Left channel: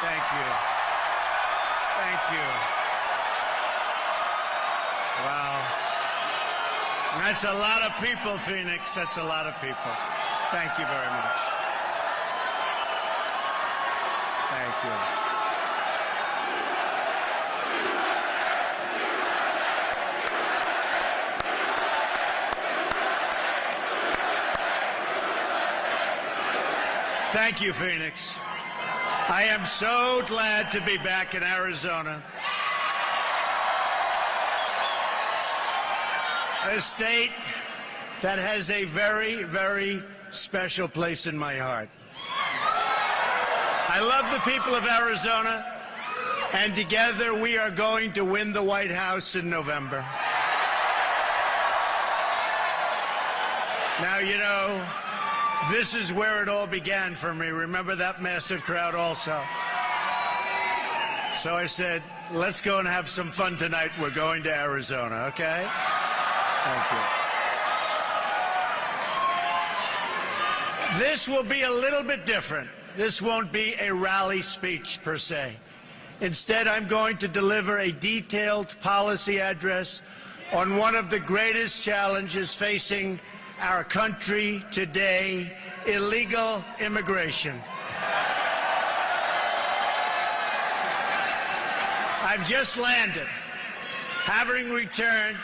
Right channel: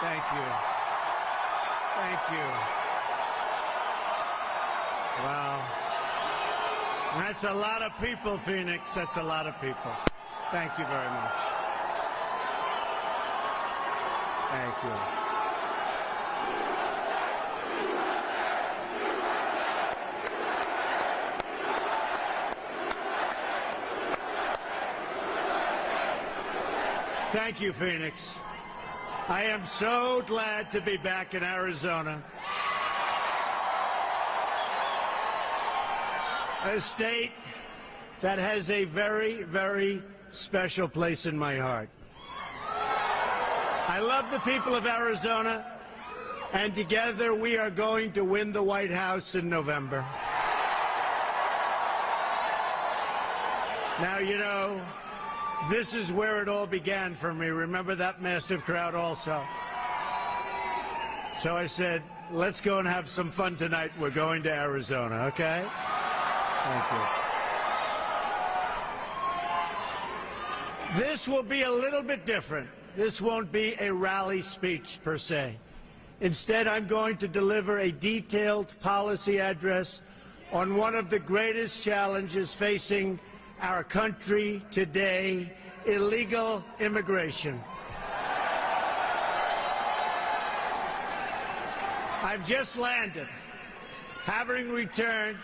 Thank you. Thank you. Wow. That's a lot of people, Phoenix. That's a lot of people. Thank you very much. Thank you. Thank you, Phoenix. I am so glad to be back in Arizona, a state that has a very, very special place in my heart. I love the people of Arizona, and together we are going to win the White House in November. Now, you know, this is where it all began for me. Remember that massive crowd also? So I said, let's go and have some fun tonight. We're going to Arizona, okay? Thank you. This will be a little bit different. This won't be a rally speech per se. Instead, I'm going to deliver a detailed policy address on one of the greatest challenges facing our country today: illegal immigration. I've just landed, having returned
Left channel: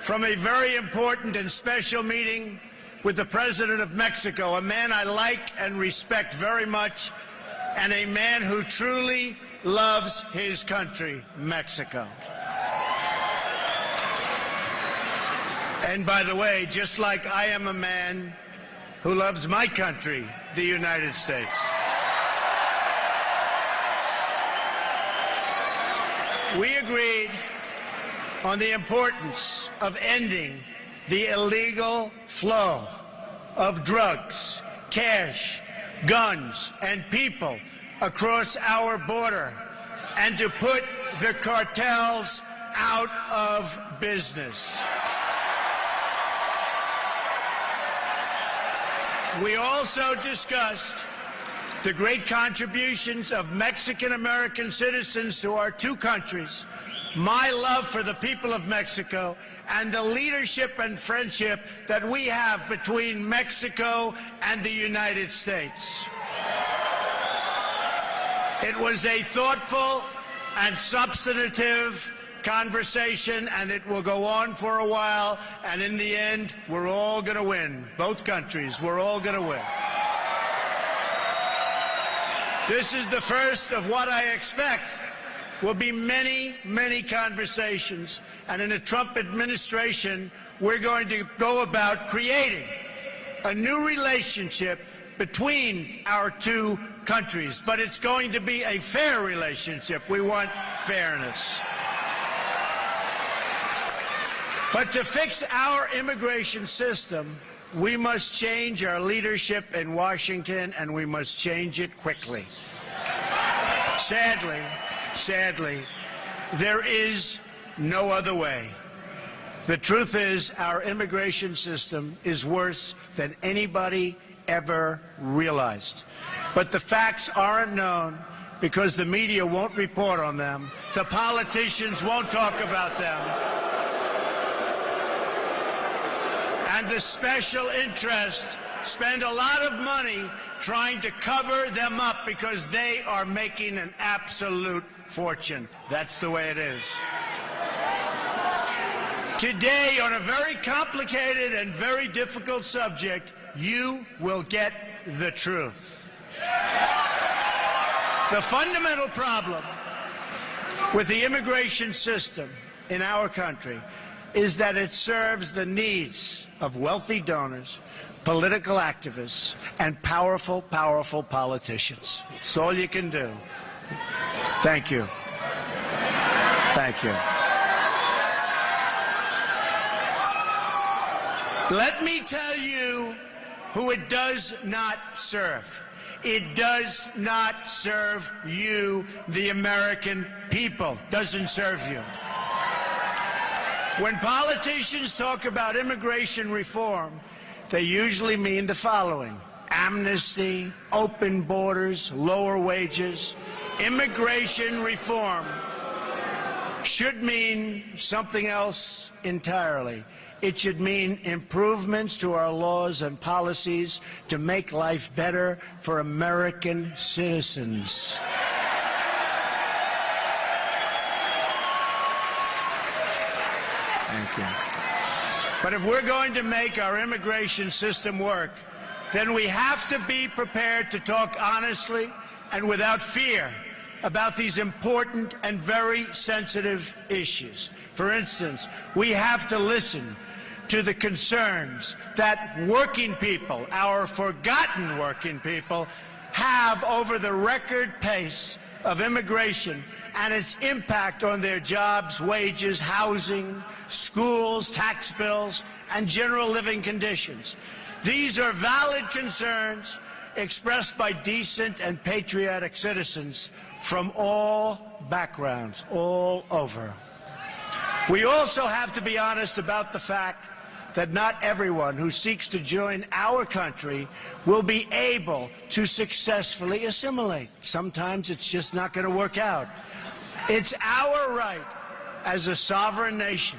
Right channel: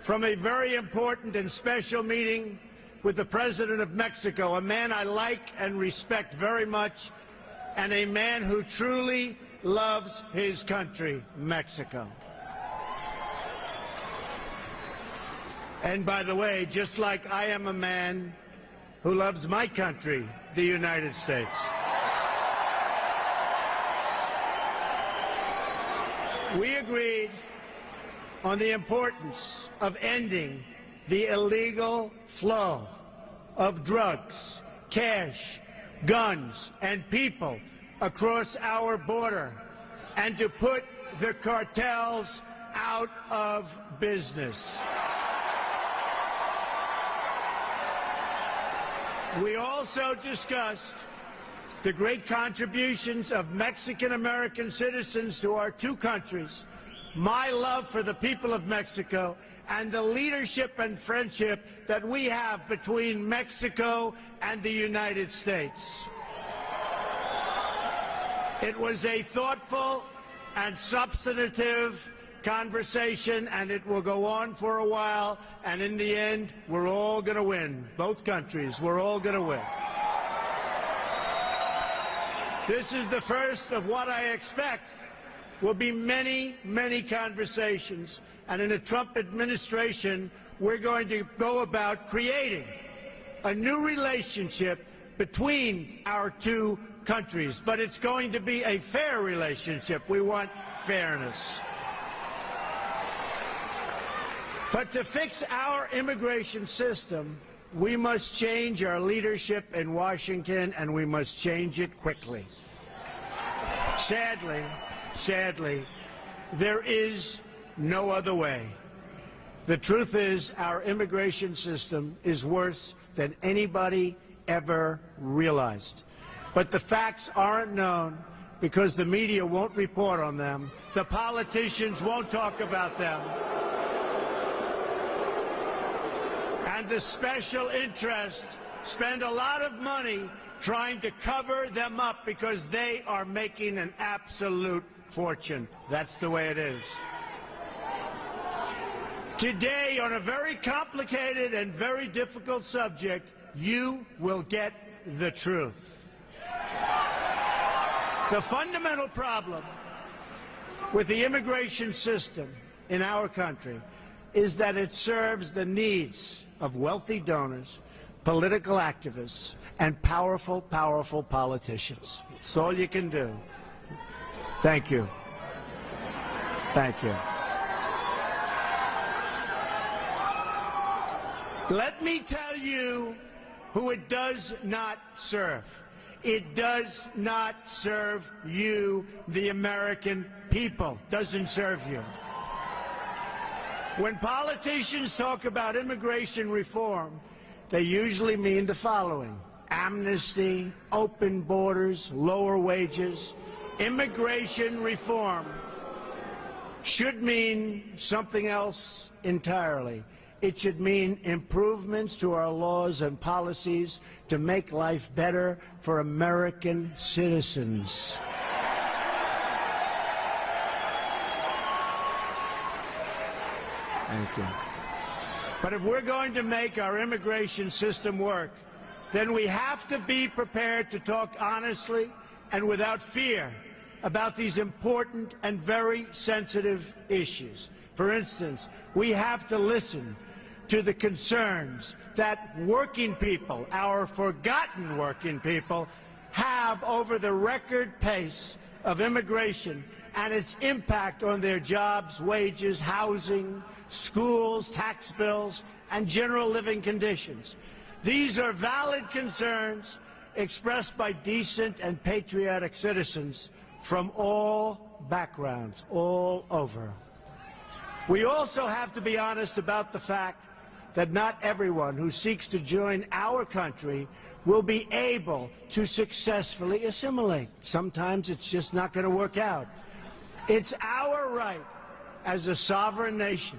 from a very important and special meeting with the President of Mexico, a man I like and respect very much, and a man who truly loves his country, Mexico. And by the way, just like I am a man who loves my country, the United States. We agreed on the importance of ending the illegal flow of drugs, cash, guns, and people across our border, and to put the cartels out of business. We also discussed the great contributions of Mexican-American citizens to our two countries, my love for the people of Mexico, and the leadership and friendship that we have between Mexico and the United States. It was a thoughtful and substantive conversation, and it will go on for a while, and in the end, we're all going to win. Both countries, we're all going to win. This is the first of what I expect will be many, many conversations, and in the Trump administration, we're going to go about creating a new relationship between our two countries, but it's going to be a fair relationship. We want fairness. But to fix our immigration system, we must change our leadership in Washington, and we must change it quickly. Sadly, there is no other way. The truth is, our immigration system is worse than anybody ever realized. But the facts aren't known because the media won't report on them. The politicians won't talk about them. And the special interests spend a lot of money trying to cover them up because they are making an absolute fortune. That's the way it is. Today, on a very complicated and very difficult subject, you will get the truth. The fundamental problem with the immigration system in our country is that it serves the needs of wealthy donors, political activists, and powerful politicians. That's all you can do. Thank you. Thank you. Let me tell you who it does not serve. It does not serve you, the American people. Doesn't serve you. When politicians talk about immigration reform, they usually mean the following: amnesty, open borders, lower wages. immigration reform should mean something else entirely. It should mean improvements to our laws and policies to make life better for American citizens. Thank you. But if we're going to make our immigration system work, then we have to be prepared to talk honestly and without fear about these important and very sensitive issues. For instance, we have to listen to the concerns that working people, our forgotten working people, have over the record pace of immigration and its impact on their jobs, wages, housing, schools, tax bills, and general living conditions. These are valid concerns expressed by decent and patriotic citizens from all backgrounds, all over. We also have to be honest about the fact that not everyone who seeks to join our country will be able to successfully assimilate. Sometimes it's just not going to work out. It's our right as a sovereign nation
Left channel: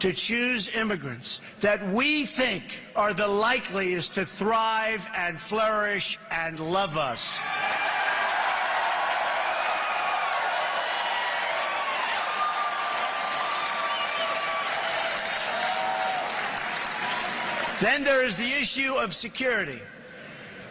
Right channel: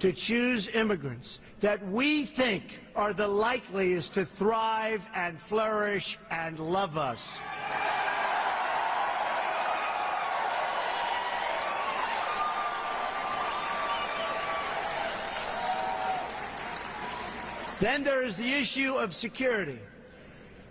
to choose immigrants that we think are the likeliest to thrive and flourish and love us. Then there is the issue of security.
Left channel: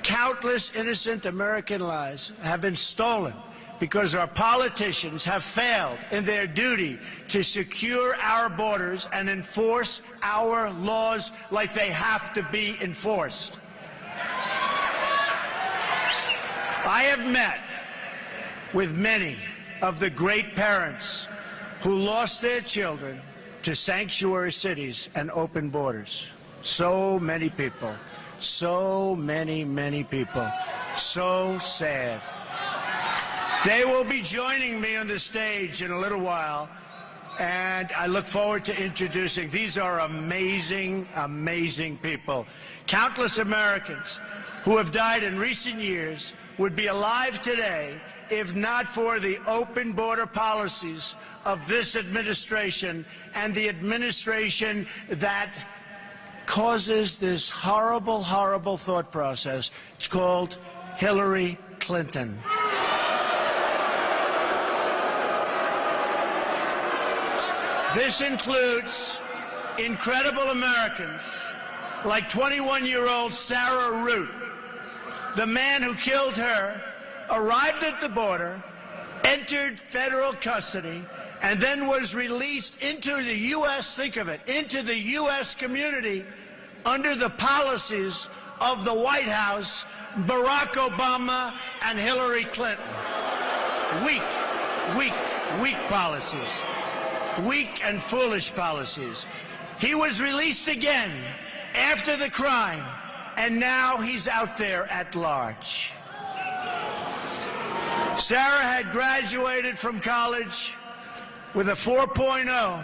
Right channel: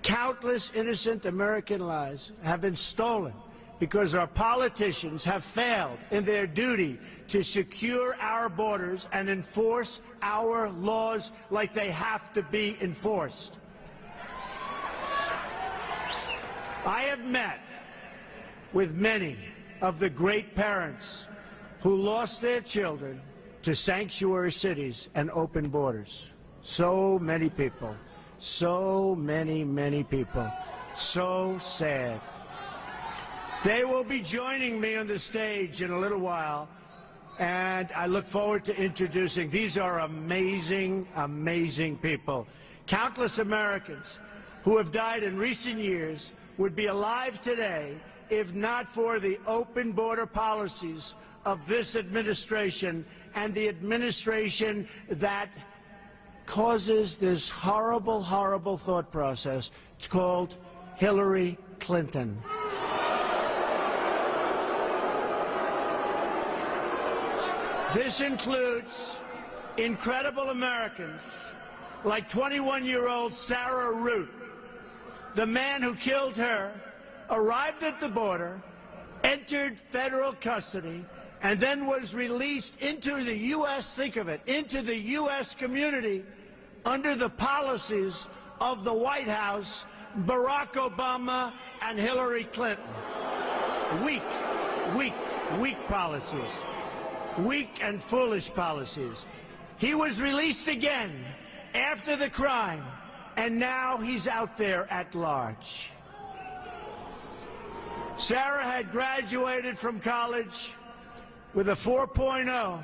Countless innocent American lives have been stolen because our politicians have failed in their duty to secure our borders and enforce our laws like they have to be enforced. I have met with many of the great parents who lost their children to sanctuary cities and open borders. So many people, so many people, so sad. They will be joining me on the stage in a little while, and I look forward to introducing. These are amazing, amazing people. Countless Americans who have died in recent years would be alive today if not for the open border policies of this administration and the administration that causes this horrible, horrible thought process. It's called Hillary Clinton. This includes incredible Americans like 21-year-old Sarah Root. The man who killed her arrived at the border, entered federal custody, and then was released into the U.S., think of it, into the U.S. community under the policies of the White House, Barack Obama, and Hillary Clinton. Weak policies. Weak and foolish policies. He was released again after the crime, and now he's out there at large. Sarah had graduated from college with a 4.0,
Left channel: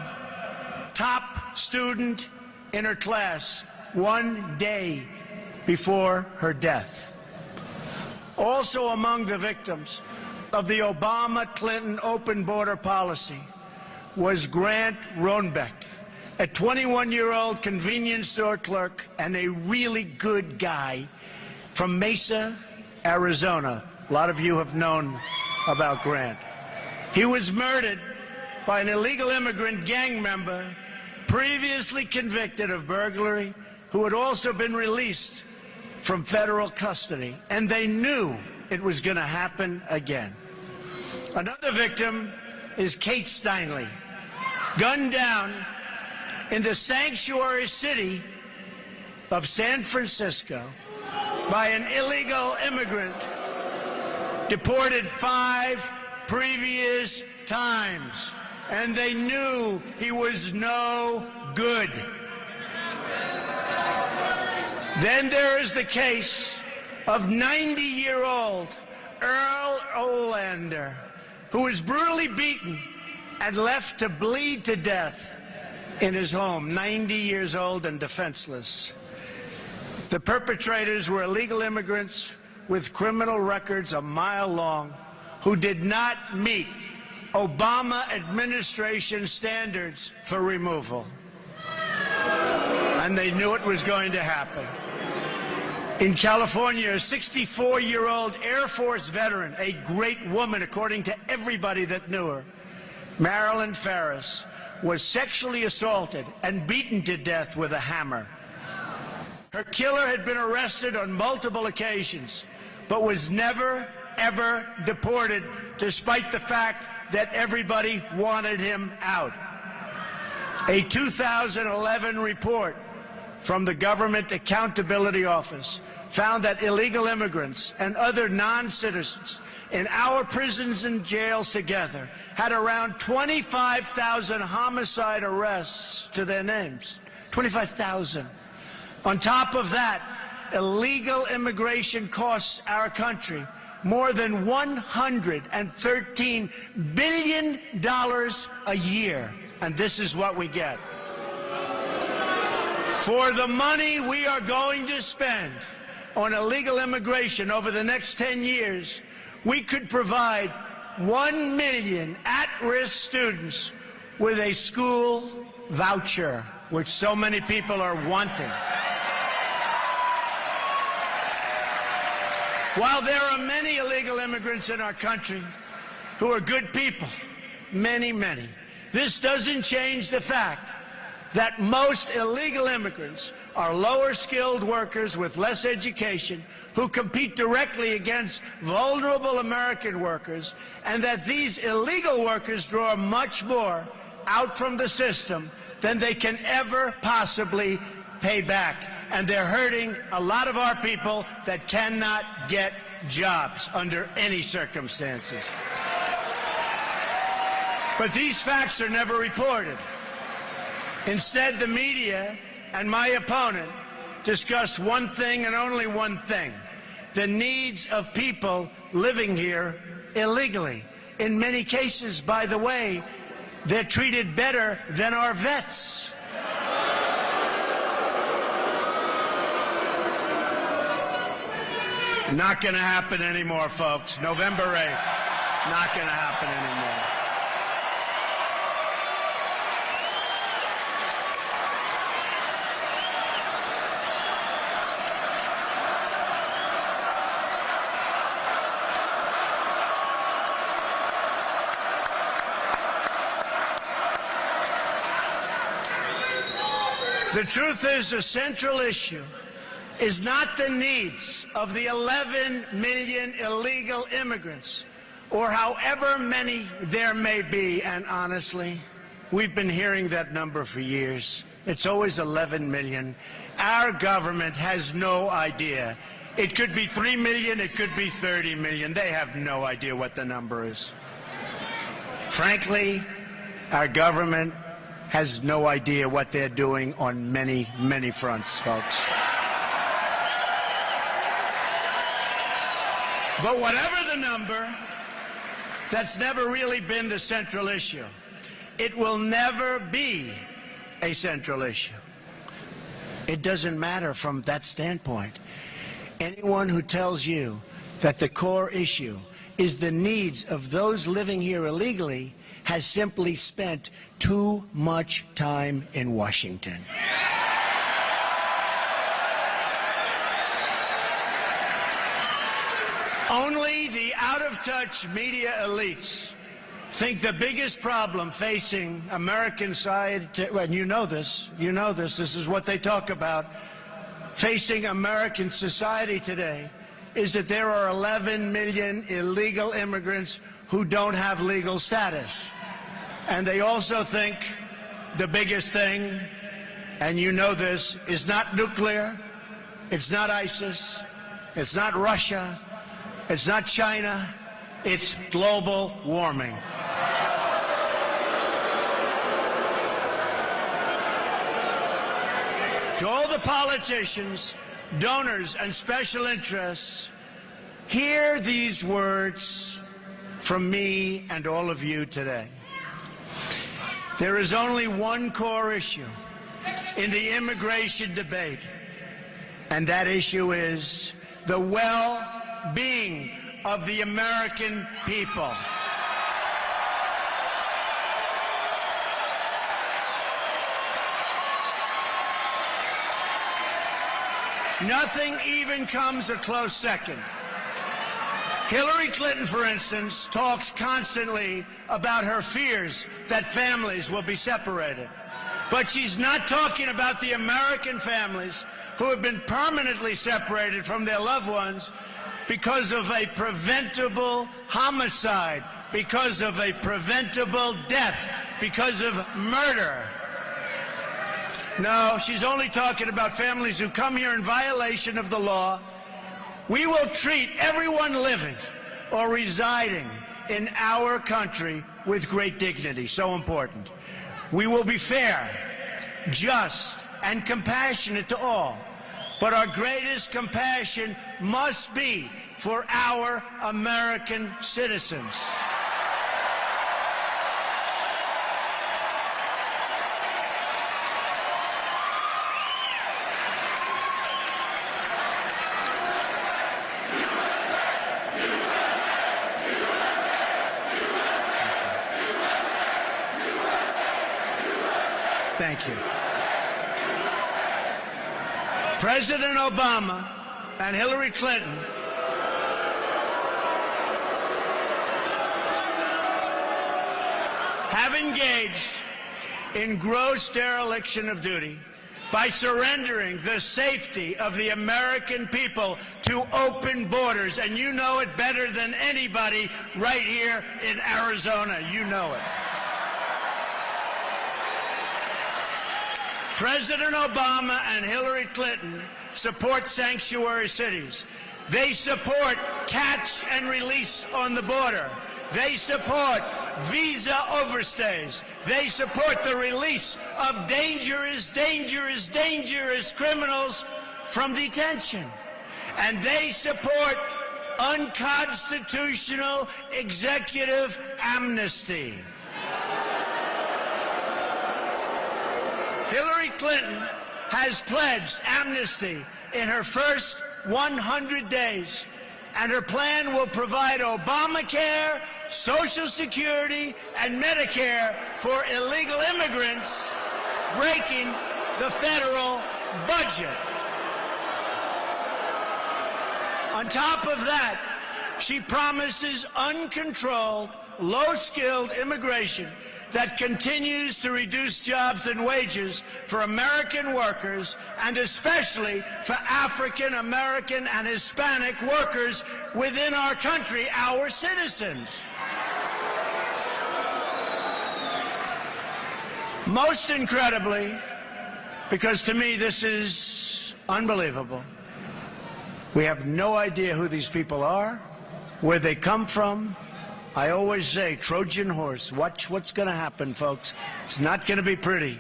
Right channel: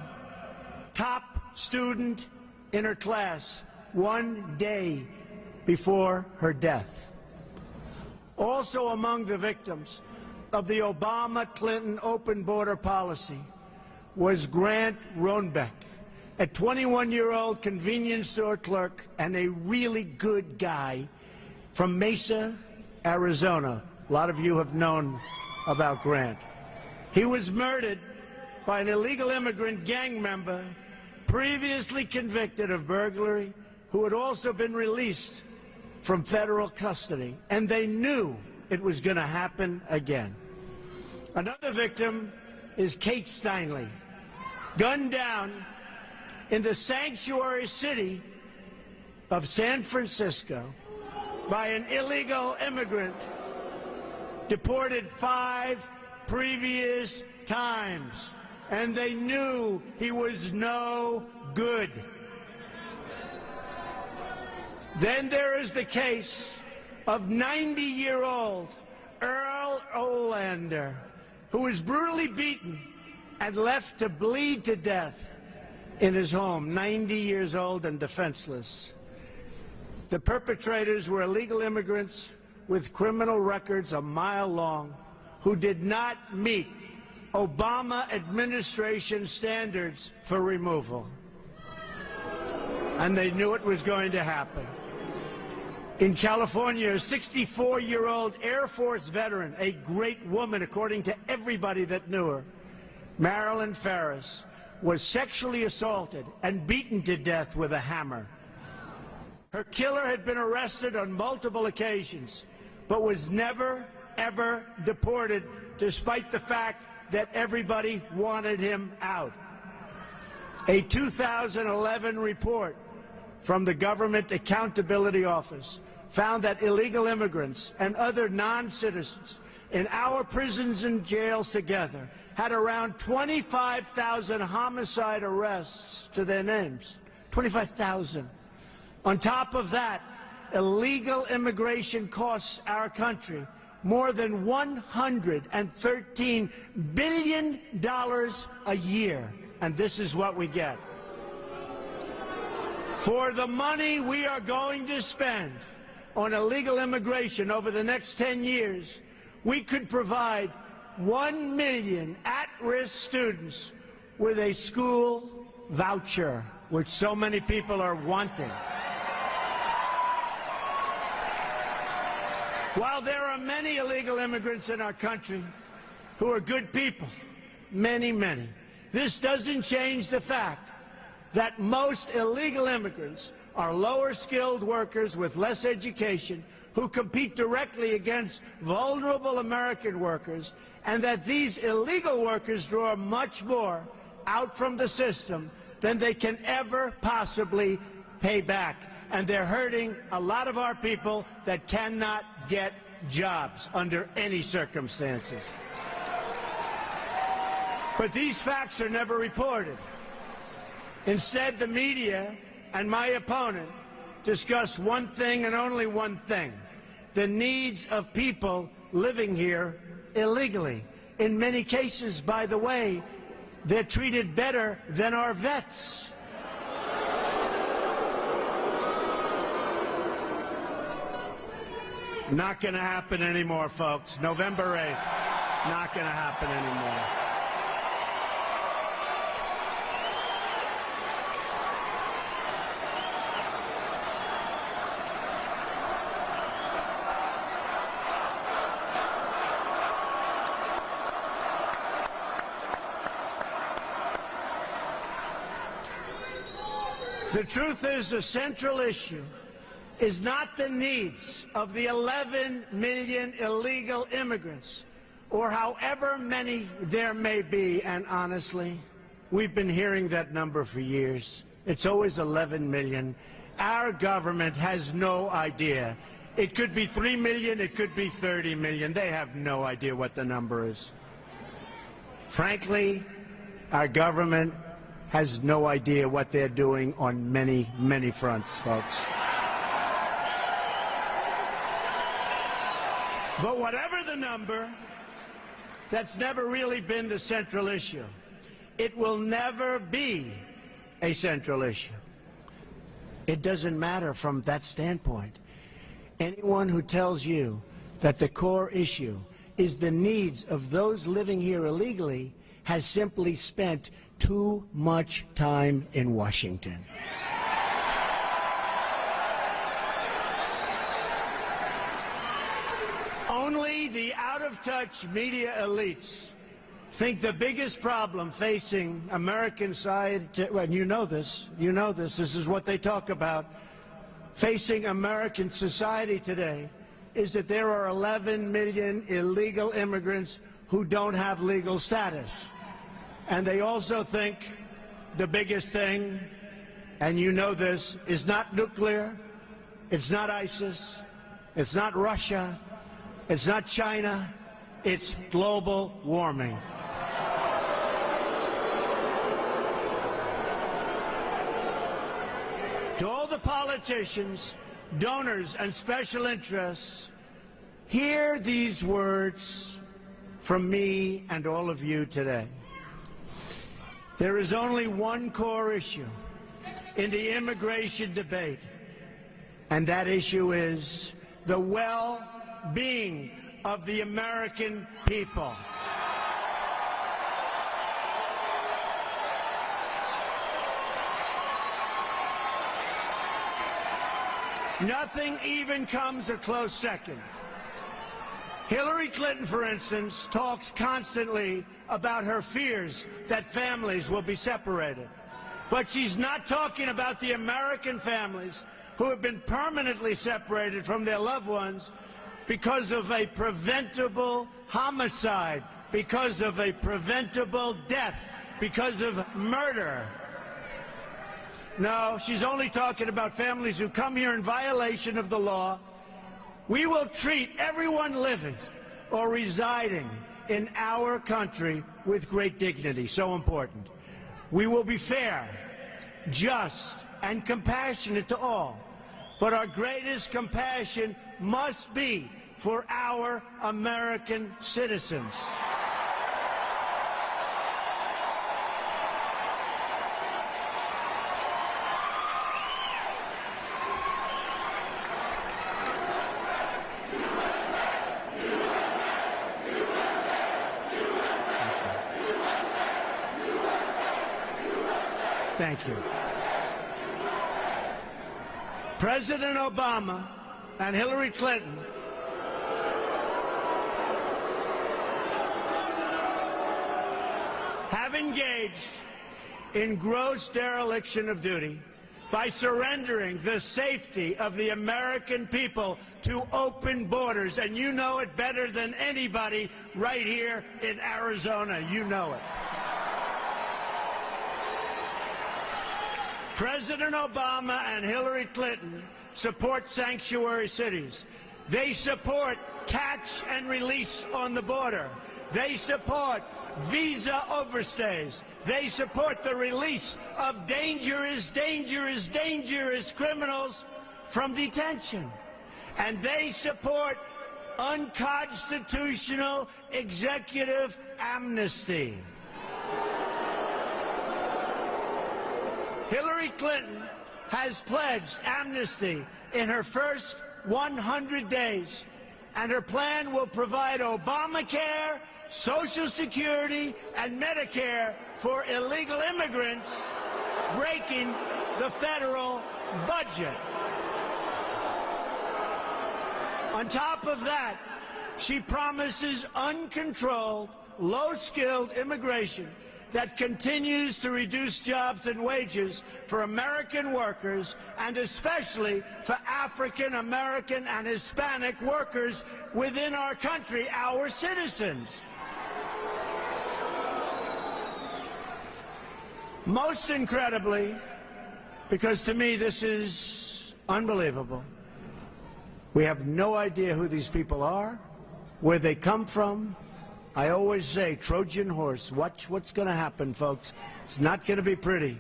top student in her class, one day before her death. Also among the victims of the Obama-Clinton open border policy was Grant Roenbeck, a 21-year-old convenience store clerk and a really good guy from Mesa, Arizona. A lot of you have known about Grant. He was murdered by an illegal immigrant gang member previously convicted of burglary, who had also been released from federal custody, and they knew it was going to happen again. Another victim is Kate Steinle, gunned down in the sanctuary city of San Francisco by an illegal immigrant deported 5 previous times, and they knew he was no good. Then there is the case of 90-year-old Earl Olander, who was brutally beaten and left to bleed to death in his home, 90 years old and defenseless. The perpetrators were illegal immigrants with criminal records a mile long, who did not meet Obama administration standards for removal. And they knew it was going to happen. In California, a 64-year-old Air Force veteran, a great woman according to everybody that knew her, Marilyn Ferris, was sexually assaulted and beaten to death with a hammer. Her killer had been arrested on multiple occasions, but was never, ever deported, despite the fact that everybody wanted him out. A 2011 report from the Government Accountability Office found that illegal immigrants and other non-citizens in our prisons and jails together had around 25,000 homicide arrests to their names. 25,000. On top of that, illegal immigration costs our country more than $113 billion a year. And this is what we get. For the money we are going to spend on illegal immigration over the next 10 years, we could provide 1 million at-risk students with a school voucher, which so many people are wanting. While there are many illegal immigrants in our country who are good people, many, this doesn't change the fact that most illegal immigrants are lower-skilled workers with less education who compete directly against vulnerable American workers, and that these illegal workers draw much more out from the system than they can ever possibly pay back. And they're hurting a lot of our people that cannot get jobs under any circumstances. But these facts are never reported. Instead, the media and my opponent discuss one thing and only one thing: the needs of people living here illegally. In many cases, by the way, they're treated better than our vets. Not going to happen anymore, folks. November 8th, not going to happen anymore. The truth is, the central issue is not the needs of the 11 million illegal immigrants, or however many there may be. And honestly, we've been hearing that number for years. It's always 11 million. Our government has no idea. It could be 3 million, it could be 30 million. They have no idea what the number is. Frankly, our government has no idea what they're doing on many, many fronts, folks. But whatever the number, that's never really been the central issue. It will never be a central issue. It doesn't matter from that standpoint. Anyone who tells you that the core issue is the needs of those living here illegally has simply spent too much time in Washington. Only the out-of-touch media elites think the biggest problem facing American society, and you know this, this is what they talk about, facing American society today, is that there are 11 million illegal immigrants who don't have legal status. And they also think the biggest thing, and you know this, is not nuclear, it's not ISIS, it's not Russia, it's not China, it's global warming. To all the politicians, donors, and special interests, hear these words from me and all of you today. There is only one core issue in the immigration debate, and that issue is the well-being of the American people. Nothing even comes a close second. Hillary Clinton, for instance, talks constantly about her fears that families will be separated. But she's not talking about the American families who have been permanently separated from their loved ones because of a preventable homicide, because of a preventable death, because of murder. No, she's only talking about families who come here in violation of the law. We will treat everyone living or residing in our country with great dignity. So important. We will be fair, just, and compassionate to all. But our greatest compassion must be for our American citizens. Thank you. President Obama and Hillary Clinton have engaged in gross dereliction of duty by surrendering the safety of the American people to open borders. And you know it better than anybody right here in Arizona. You know it. President Obama and Hillary Clinton support sanctuary cities. They support catch and release on the border. They support visa overstays. They support the release of dangerous criminals from detention. And they support unconstitutional executive amnesty. Hillary Clinton has pledged amnesty in her first 100 days, and her plan will provide Obamacare, Social Security, and Medicare for illegal immigrants, breaking the federal budget. On top of that, she promises uncontrolled, low-skilled immigration that continues to reduce jobs and wages for American workers, and especially for African American and Hispanic workers within our country, our citizens. Most incredibly, because to me this is unbelievable, we have no idea who these people are, where they come from. I always say, Trojan horse, watch what's going to happen, folks. It's not going to be pretty.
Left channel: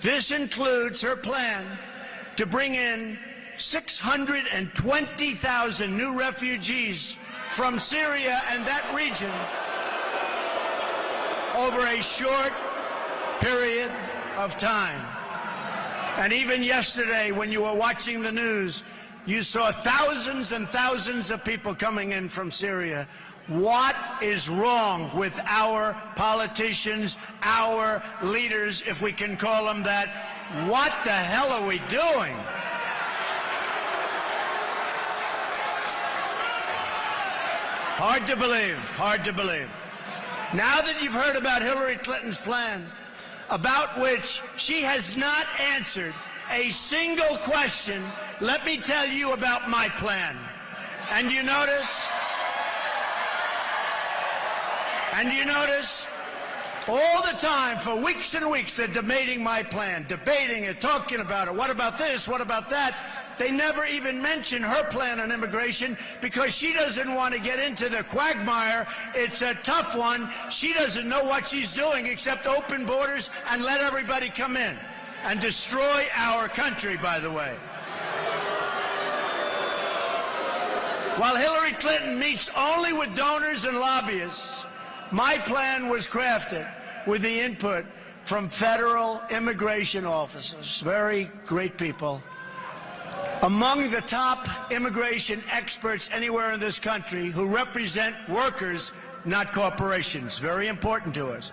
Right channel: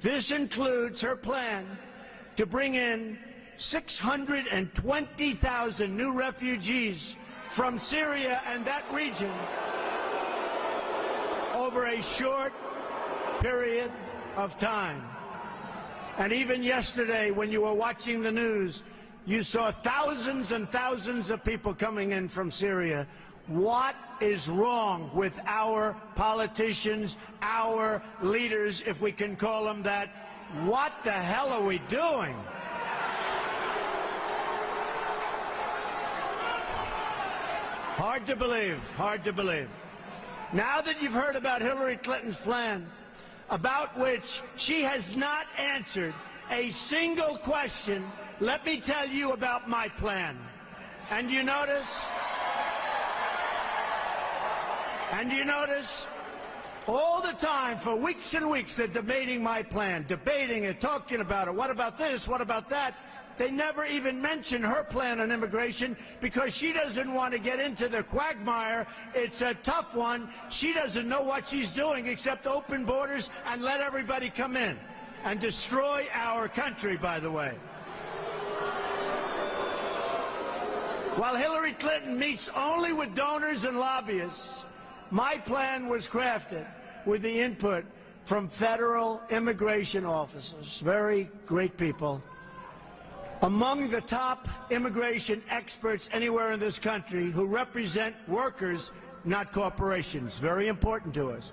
This includes her plan to bring in 620,000 new refugees from Syria and that region over a short period of time. And even yesterday, when you were watching the news, you saw thousands and thousands of people coming in from Syria. What is wrong with our politicians, our leaders, if we can call them that? What the hell are we doing? Hard to believe, hard to believe. Now that you've heard about Hillary Clinton's plan, about which she has not answered a single question, let me tell you about my plan. And you notice all the time, for weeks and weeks, they're debating my plan, debating it, talking about it. What about this? What about that? They never even mention her plan on immigration because she doesn't want to get into the quagmire. It's a tough one. She doesn't know what she's doing except open borders and let everybody come in and destroy our country, by the way. While Hillary Clinton meets only with donors and lobbyists, my plan was crafted with the input from federal immigration officers, very great people, among the top immigration experts anywhere in this country who represent workers, not corporations. Very important to us.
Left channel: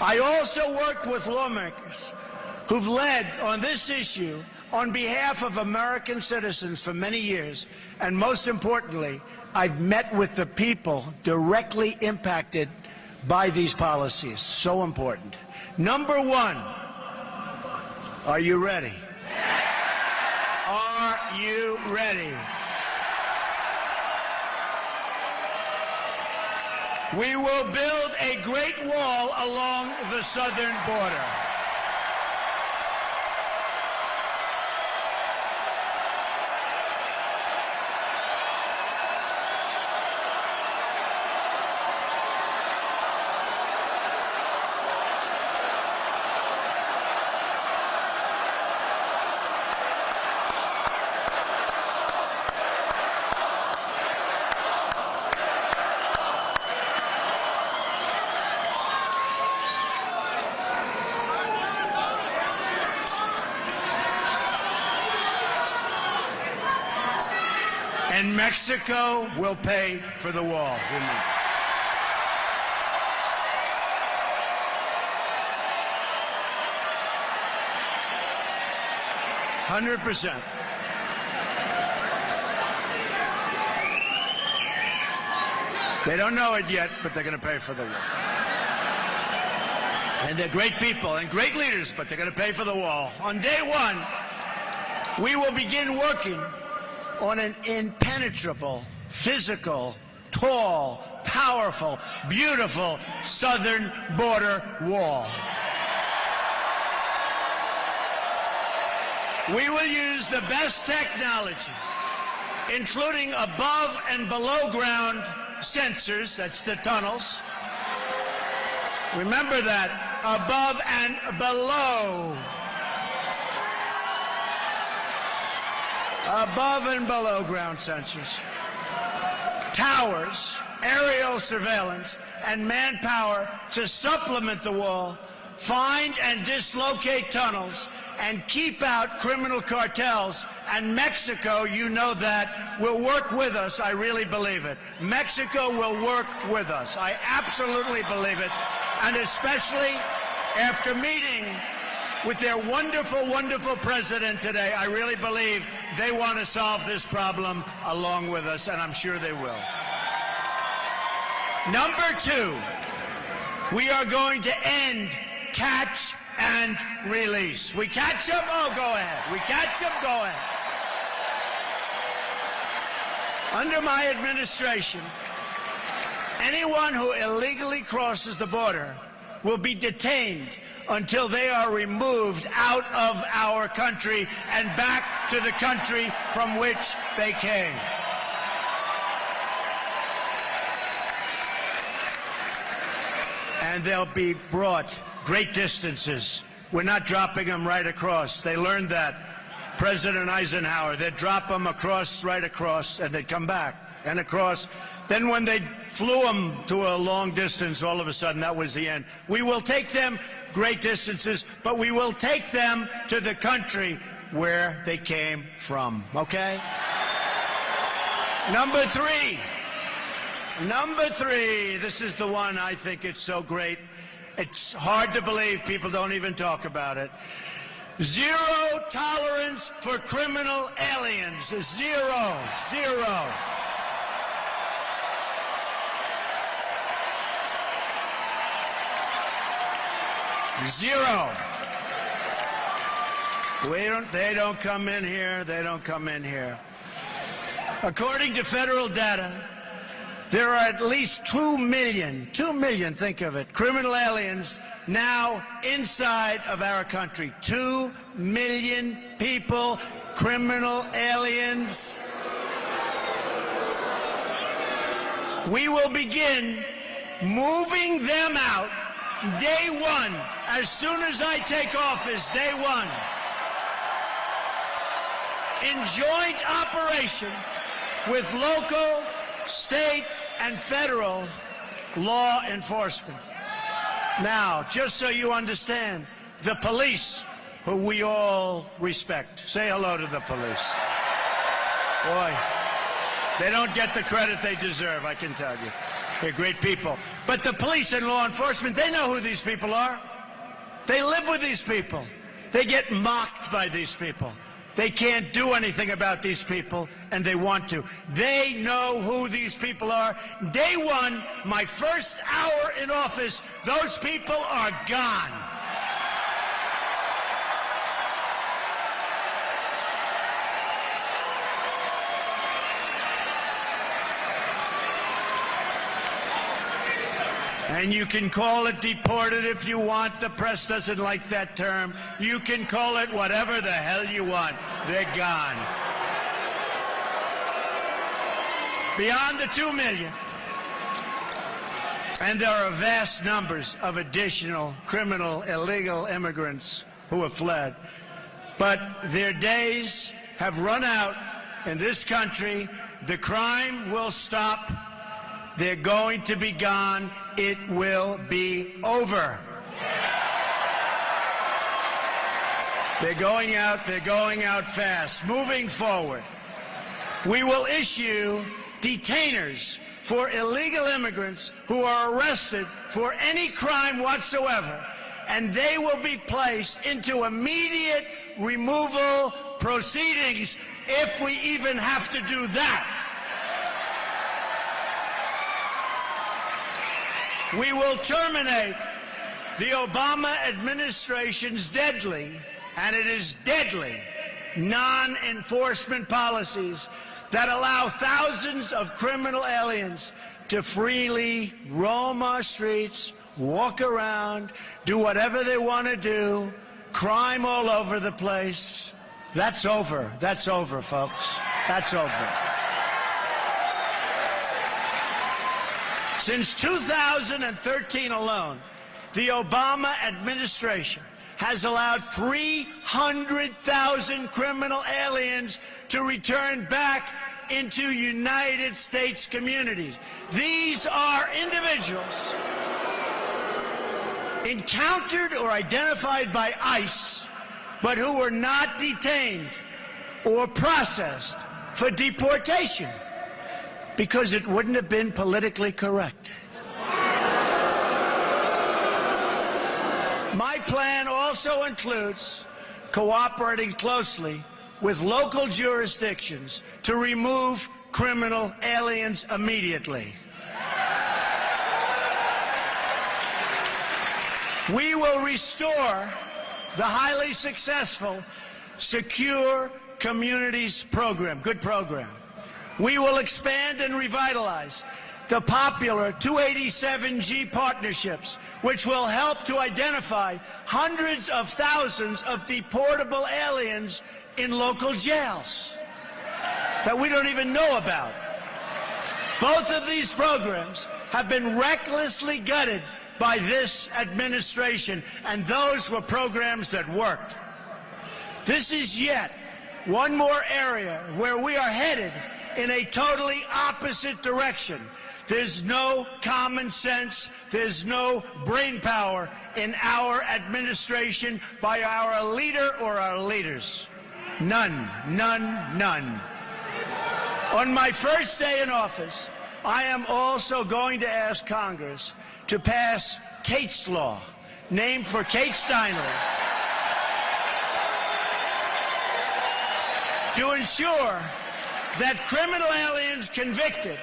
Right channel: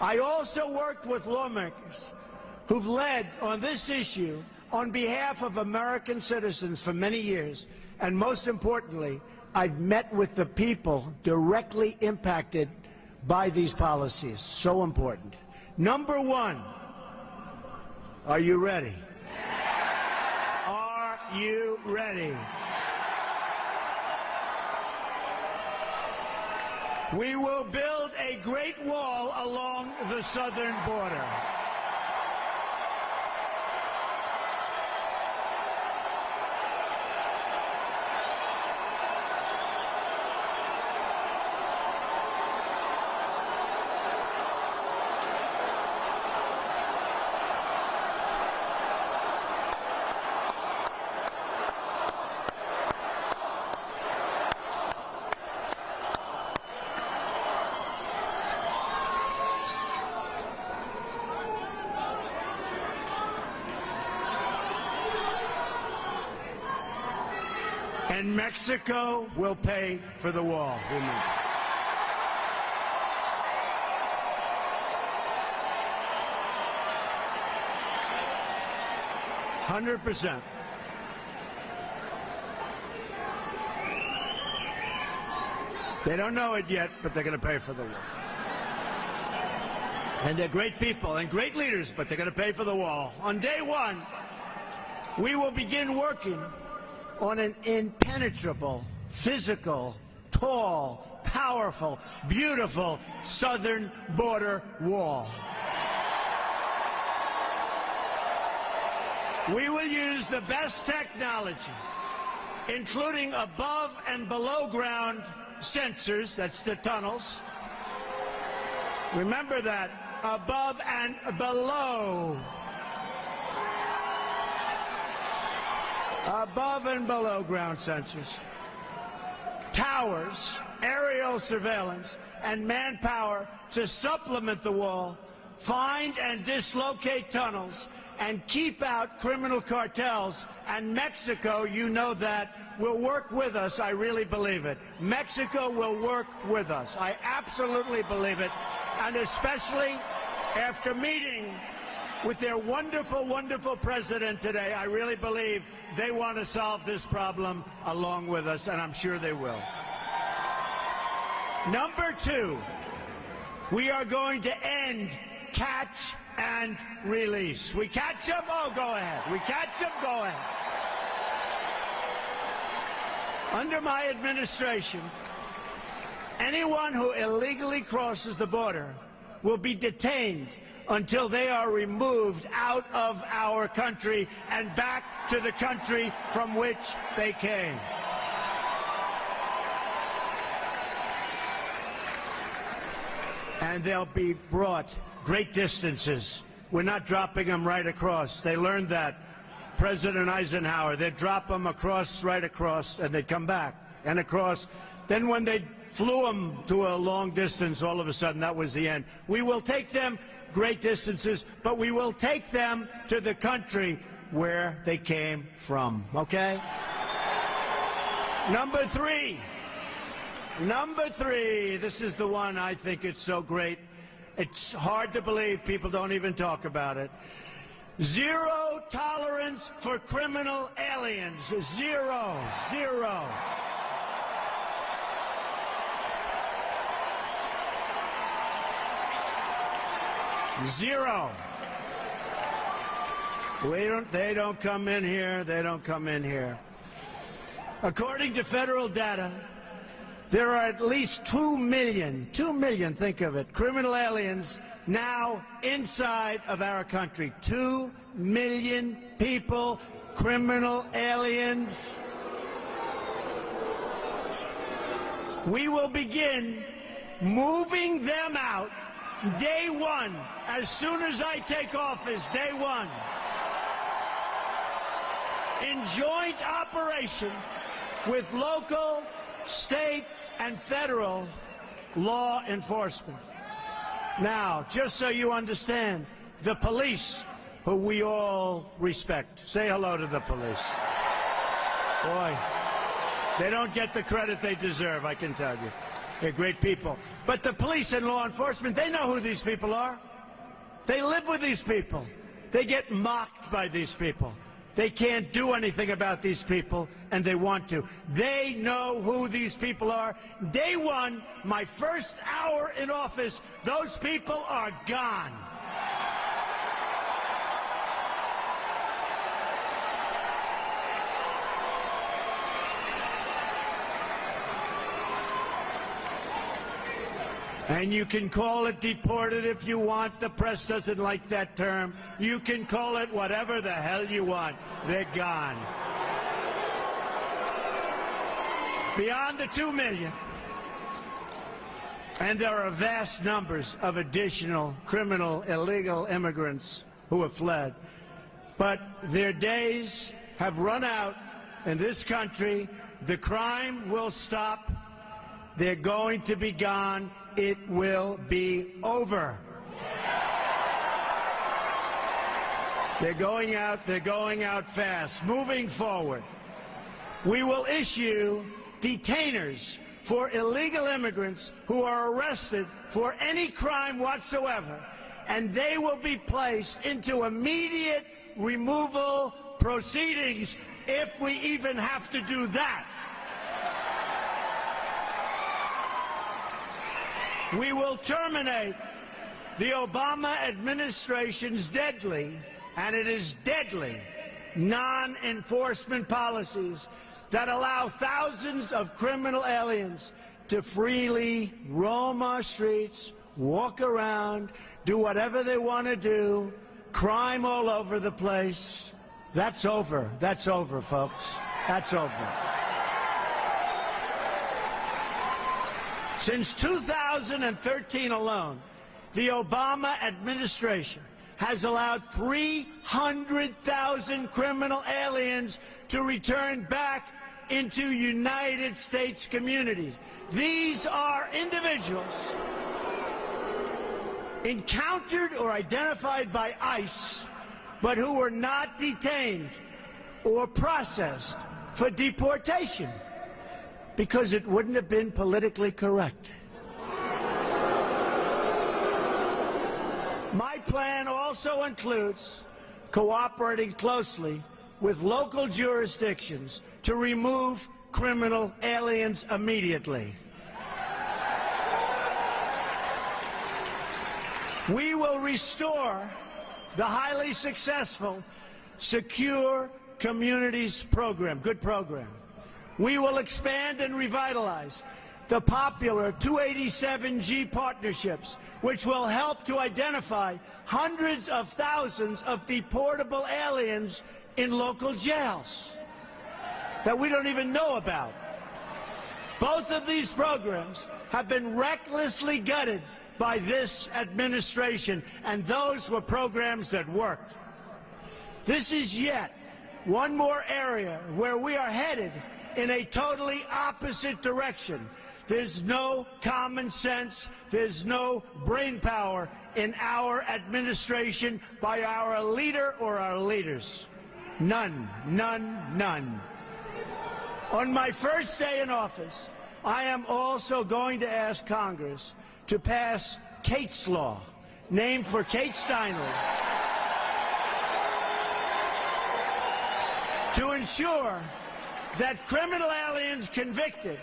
I also worked with lawmakers who've led on this issue on behalf of American citizens for many years. And most importantly, I've met with the people directly impacted by these policies. So important. Number one, are you ready? Are you ready? We will build a great wall along the southern border. And Mexico will pay for the wall. 100%. They don't know it yet, but they're going to pay for the wall. And they're great people and great leaders, but they're going to pay for the wall. On day one, we will begin working on an impenetrable, physical, tall, powerful, beautiful southern border wall. We will use the best technology, including above and below ground sensors, that's the tunnels. Remember that, above and below. Above and below ground sensors, towers, aerial surveillance, and manpower to supplement the wall, find and dislocate tunnels, and keep out criminal cartels. And Mexico, you know that, will work with us. I really believe it. Mexico will work with us. I absolutely believe it. And especially after meeting with their wonderful, wonderful president today, I really believe they want to solve this problem along with us, and I'm sure they will. Number two, we are going to end catch and release. We catch them? Oh, go ahead. We catch them? Go ahead. Under my administration, anyone who illegally crosses the border will be detained until they are removed out of our country and back to the country from which they came. And they'll be brought great distances. We're not dropping them right across. They learned that. President Eisenhower, they'd drop them across, right across, and they'd come back and across. Then when they flew them to a long distance, all of a sudden that was the end. We will take them great distances, but we will take them to the country where they came from, okay? Number three, this is the one I think it's so great. It's hard to believe, people don't even talk about it. Zero tolerance for criminal aliens. Zero. Zero. They don't come in here. They don't come in here. According to federal data, there are at least 2 million, think of it, criminal aliens now inside of our country. 2 million people, criminal aliens. We will begin moving them out day one, as soon as I take office, day one, in joint operation with local, state, and federal law enforcement. Now, just so you understand, the police, who we all respect, say hello to the police. Boy, they don't get the credit they deserve, I can tell you. They're great people. But the police and law enforcement, they know who these people are. They live with these people. They get mocked by these people. They can't do anything about these people, and they want to. They know who these people are. Day one, my first hour in office, those people are gone. And you can call it deported if you want. The press doesn't like that term. You can call it whatever the hell you want. They're gone. Beyond the 2 million. And there are vast numbers of additional criminal, illegal immigrants who have fled. But their days have run out in this country. The crime will stop. They're going to be gone. It will be over. They're going out fast. Moving forward, we will issue detainers for illegal immigrants who are arrested for any crime whatsoever, and they will be placed into immediate removal proceedings if we even have to do that. We will terminate the Obama administration's deadly, and it is deadly, non-enforcement policies that allow thousands of criminal aliens to freely roam our streets, walk around, do whatever they want to do, crime all over the place. That's over. That's over, folks. That's over. Since 2013 alone, the Obama administration has allowed 300,000 criminal aliens to return back into United States communities. These are individuals encountered or identified by ICE, but who were not detained or processed for deportation, because it wouldn't have been politically correct. My plan also includes cooperating closely with local jurisdictions to remove criminal aliens immediately. We will restore the highly successful Secure Communities program, good program. We will expand and revitalize the popular 287G partnerships, which will help to identify hundreds of thousands of deportable aliens in local jails that we don't even know about. Both of these programs have been recklessly gutted by this administration, and those were programs that worked. This is yet one more area where we are headed in a totally opposite direction. There's no common sense, there's no brain power in our administration by our leader or our leaders. None, none, none. On my first day in office, I am also going to ask Congress to pass Kate's Law, named for Kate Steinle, to ensure that criminal aliens convicted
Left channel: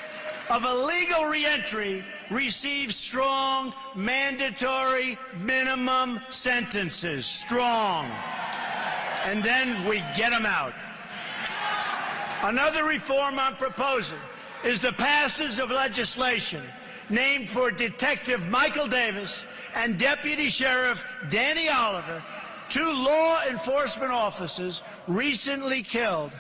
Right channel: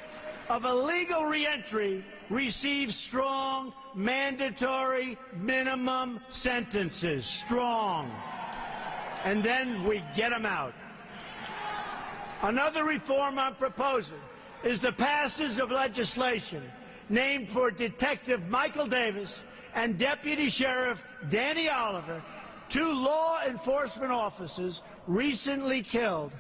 of illegal reentry receive strong, mandatory minimum sentences. Strong. And then we get them out. Another reform I'm proposing is the passage of legislation named for Detective Michael Davis and Deputy Sheriff Danny Oliver, two law enforcement officers recently killed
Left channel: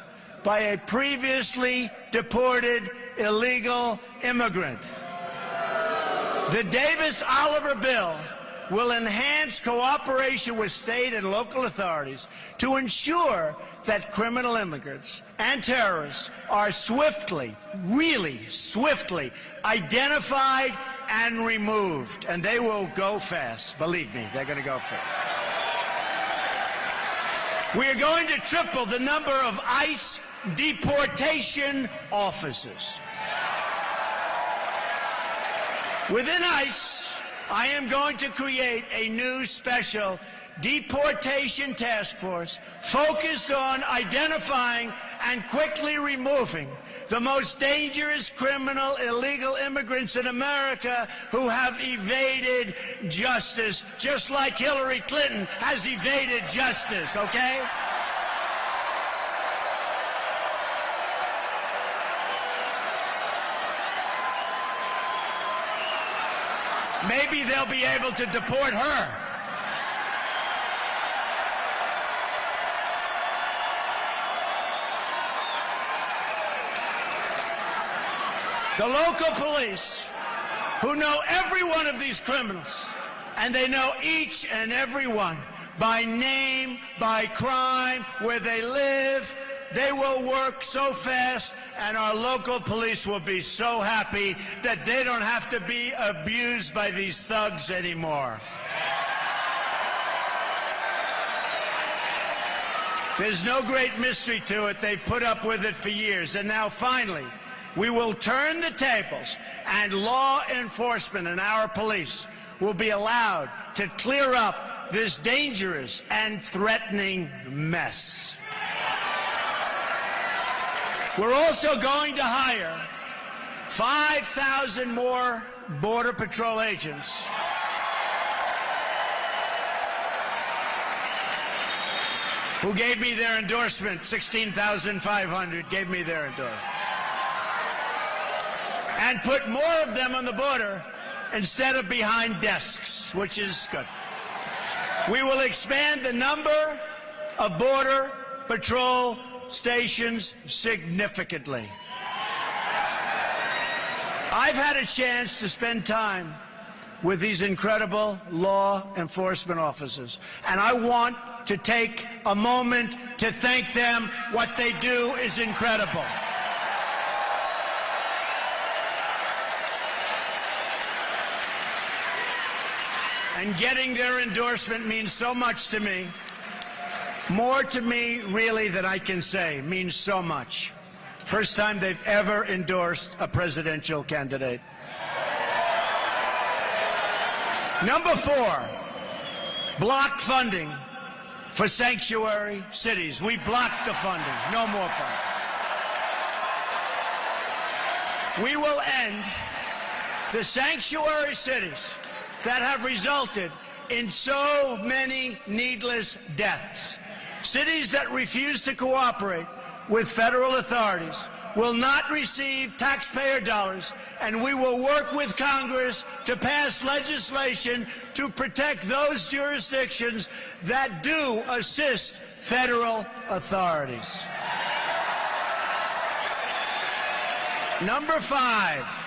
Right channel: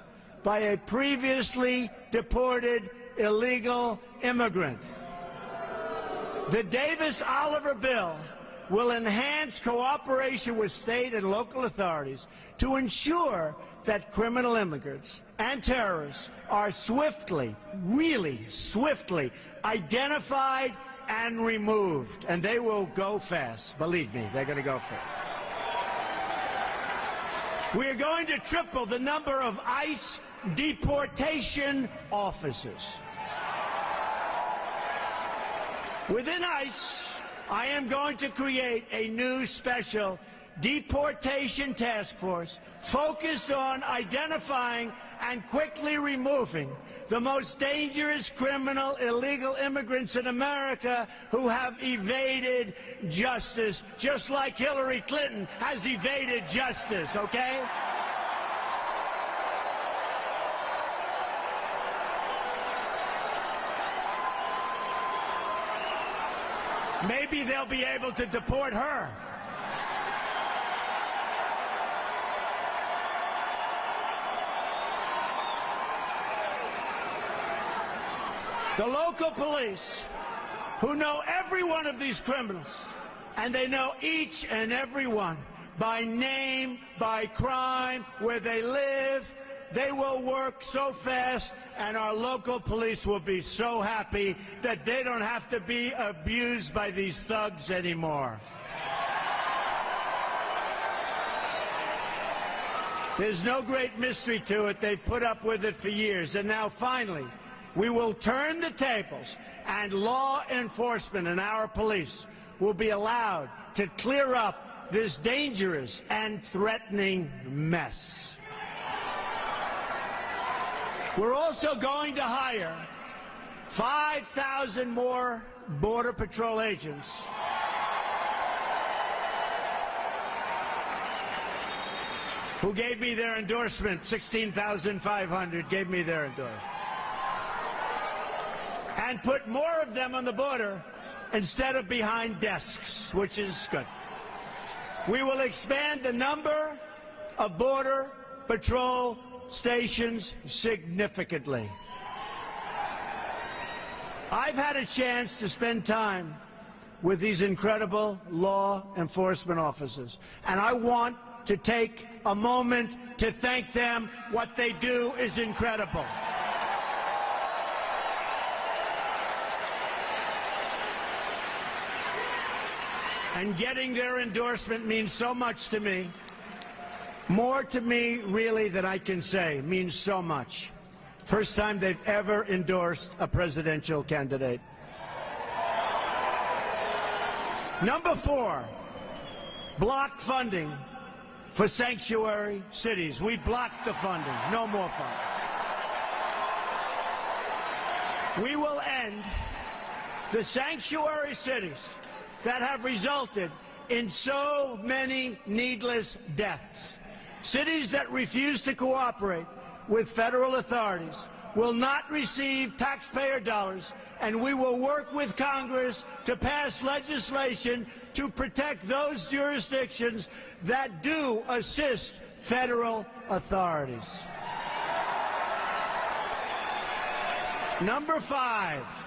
by a previously deported illegal immigrant. The Davis-Oliver bill will enhance cooperation with state and local authorities to ensure that criminal immigrants and terrorists are swiftly, really swiftly, identified and removed. And they will go fast. Believe me, they're going to go fast. We are going to triple the number of ICE deportation officers. Within ICE, I am going to create a new special deportation task force focused on identifying and quickly removing the most dangerous criminal illegal immigrants in America who have evaded justice, just like Hillary Clinton has evaded justice, okay? Maybe they'll be able to deport her. The local police, who know every one of these criminals, and they know each and every one by name, by crime, where they live, they will work so fast, and our local police will be so happy that they don't have to be abused by these thugs anymore. There's no great mystery to it. They've put up with it for years, and now finally, we will turn the tables, and law enforcement and our police will be allowed to clear up this dangerous and threatening mess. We're also going to hire 5,000 more Border Patrol agents. Who gave me their endorsement. 16,500 gave me their endorsement. And put more of them on the border instead of behind desks, which is good. We will expand the number of Border Patrol stations significantly. I've had a chance to spend time with these incredible law enforcement officers, and I want to take a moment to thank them. What they do is incredible. And getting their endorsement means so much to me. More to me, really, than I can say. Means so much. First time they've ever endorsed a presidential candidate. Number 4, block funding for sanctuary cities. We blocked the funding. No more funding. We will end the sanctuary cities that have resulted in so many needless deaths. Cities that refuse to cooperate with federal authorities will not receive taxpayer dollars, and we will work with Congress to pass legislation to protect those jurisdictions that do assist federal authorities. Number 5.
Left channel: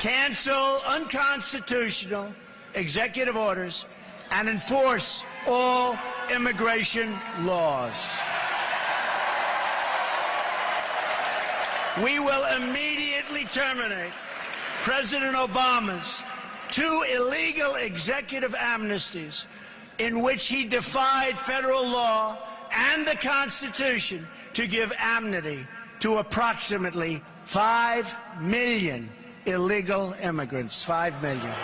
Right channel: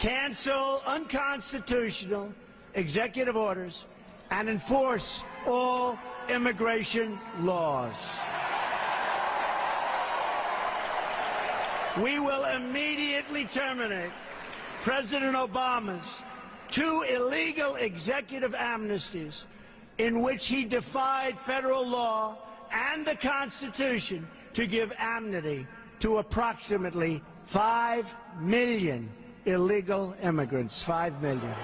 Cancel unconstitutional executive orders and enforce all immigration laws. We will immediately terminate President Obama's 2 illegal executive amnesties in which he defied federal law and the Constitution to give amnesty to approximately 5 million illegal immigrants. 5 million.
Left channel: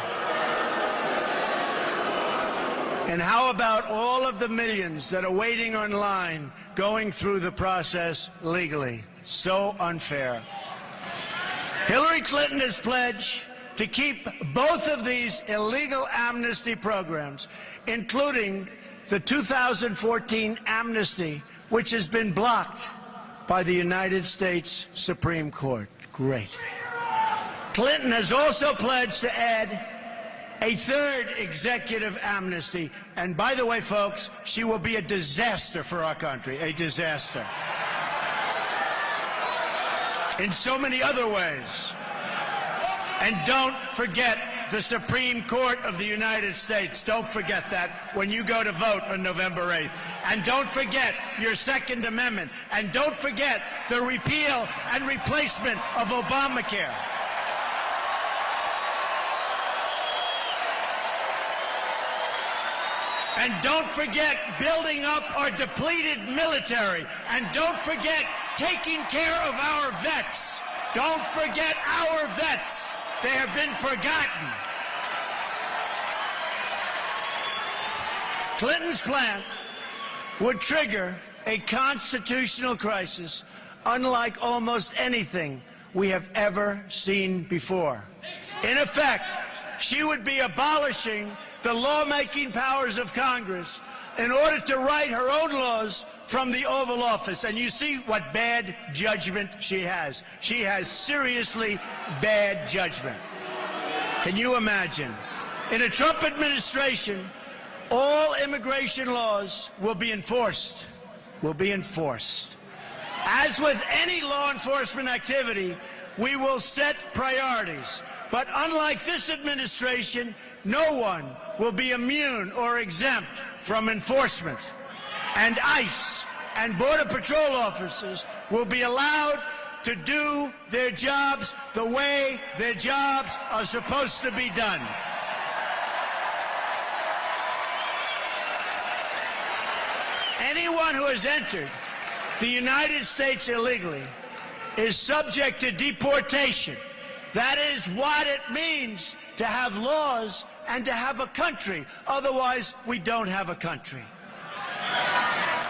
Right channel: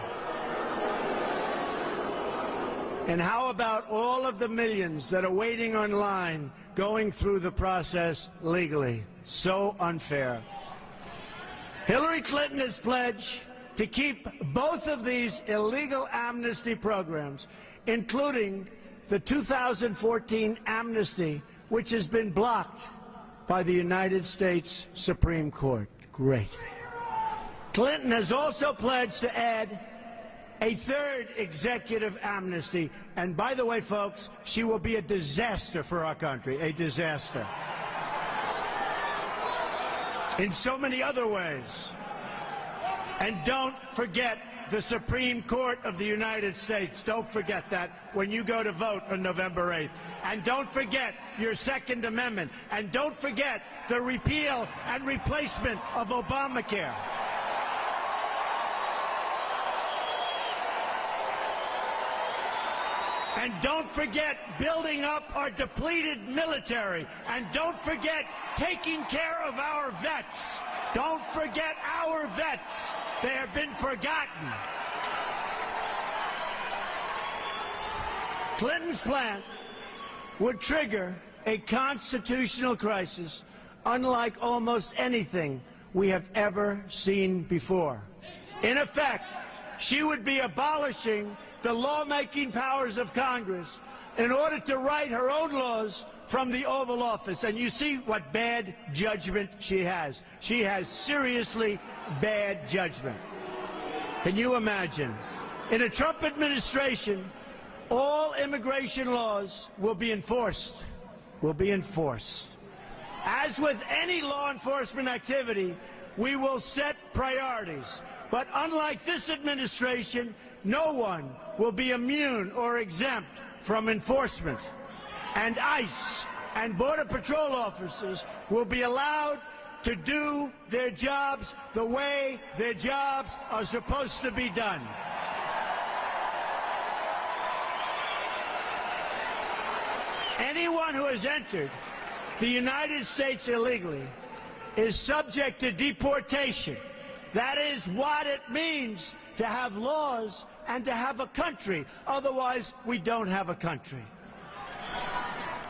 And how about all of the millions that are waiting online, going through the process legally? So unfair. Hillary Clinton has pledged to keep both of these illegal amnesty programs, including the 2014 amnesty, which has been blocked by the United States Supreme Court. Great. Clinton has also pledged to add a 3rd executive amnesty. And by the way, folks, she will be a disaster for our country, a disaster. In so many other ways. And don't forget the Supreme Court of the United States. Don't forget that when you go to vote on November 8th. And don't forget your Second Amendment. And don't forget the repeal and replacement of Obamacare. And don't forget building up our depleted military. And don't forget taking care of our vets. Don't forget our vets. They have been forgotten. Clinton's plan would trigger a constitutional crisis unlike almost anything we have ever seen before. In effect, she would be abolishing the lawmaking powers of Congress in order to write her own laws from the Oval Office. And you see what bad judgment she has. She has seriously bad judgment. Can you imagine? In a Trump administration, all immigration laws will be enforced. As with any law enforcement activity, we will set priorities. But unlike this administration, no one will be immune or exempt from enforcement. And ICE and Border Patrol officers will be allowed to do their jobs the way their jobs are supposed to be done. Anyone who has entered the United States illegally is subject to deportation. That is what it means to have laws and to have a country. Otherwise, we don't have a country.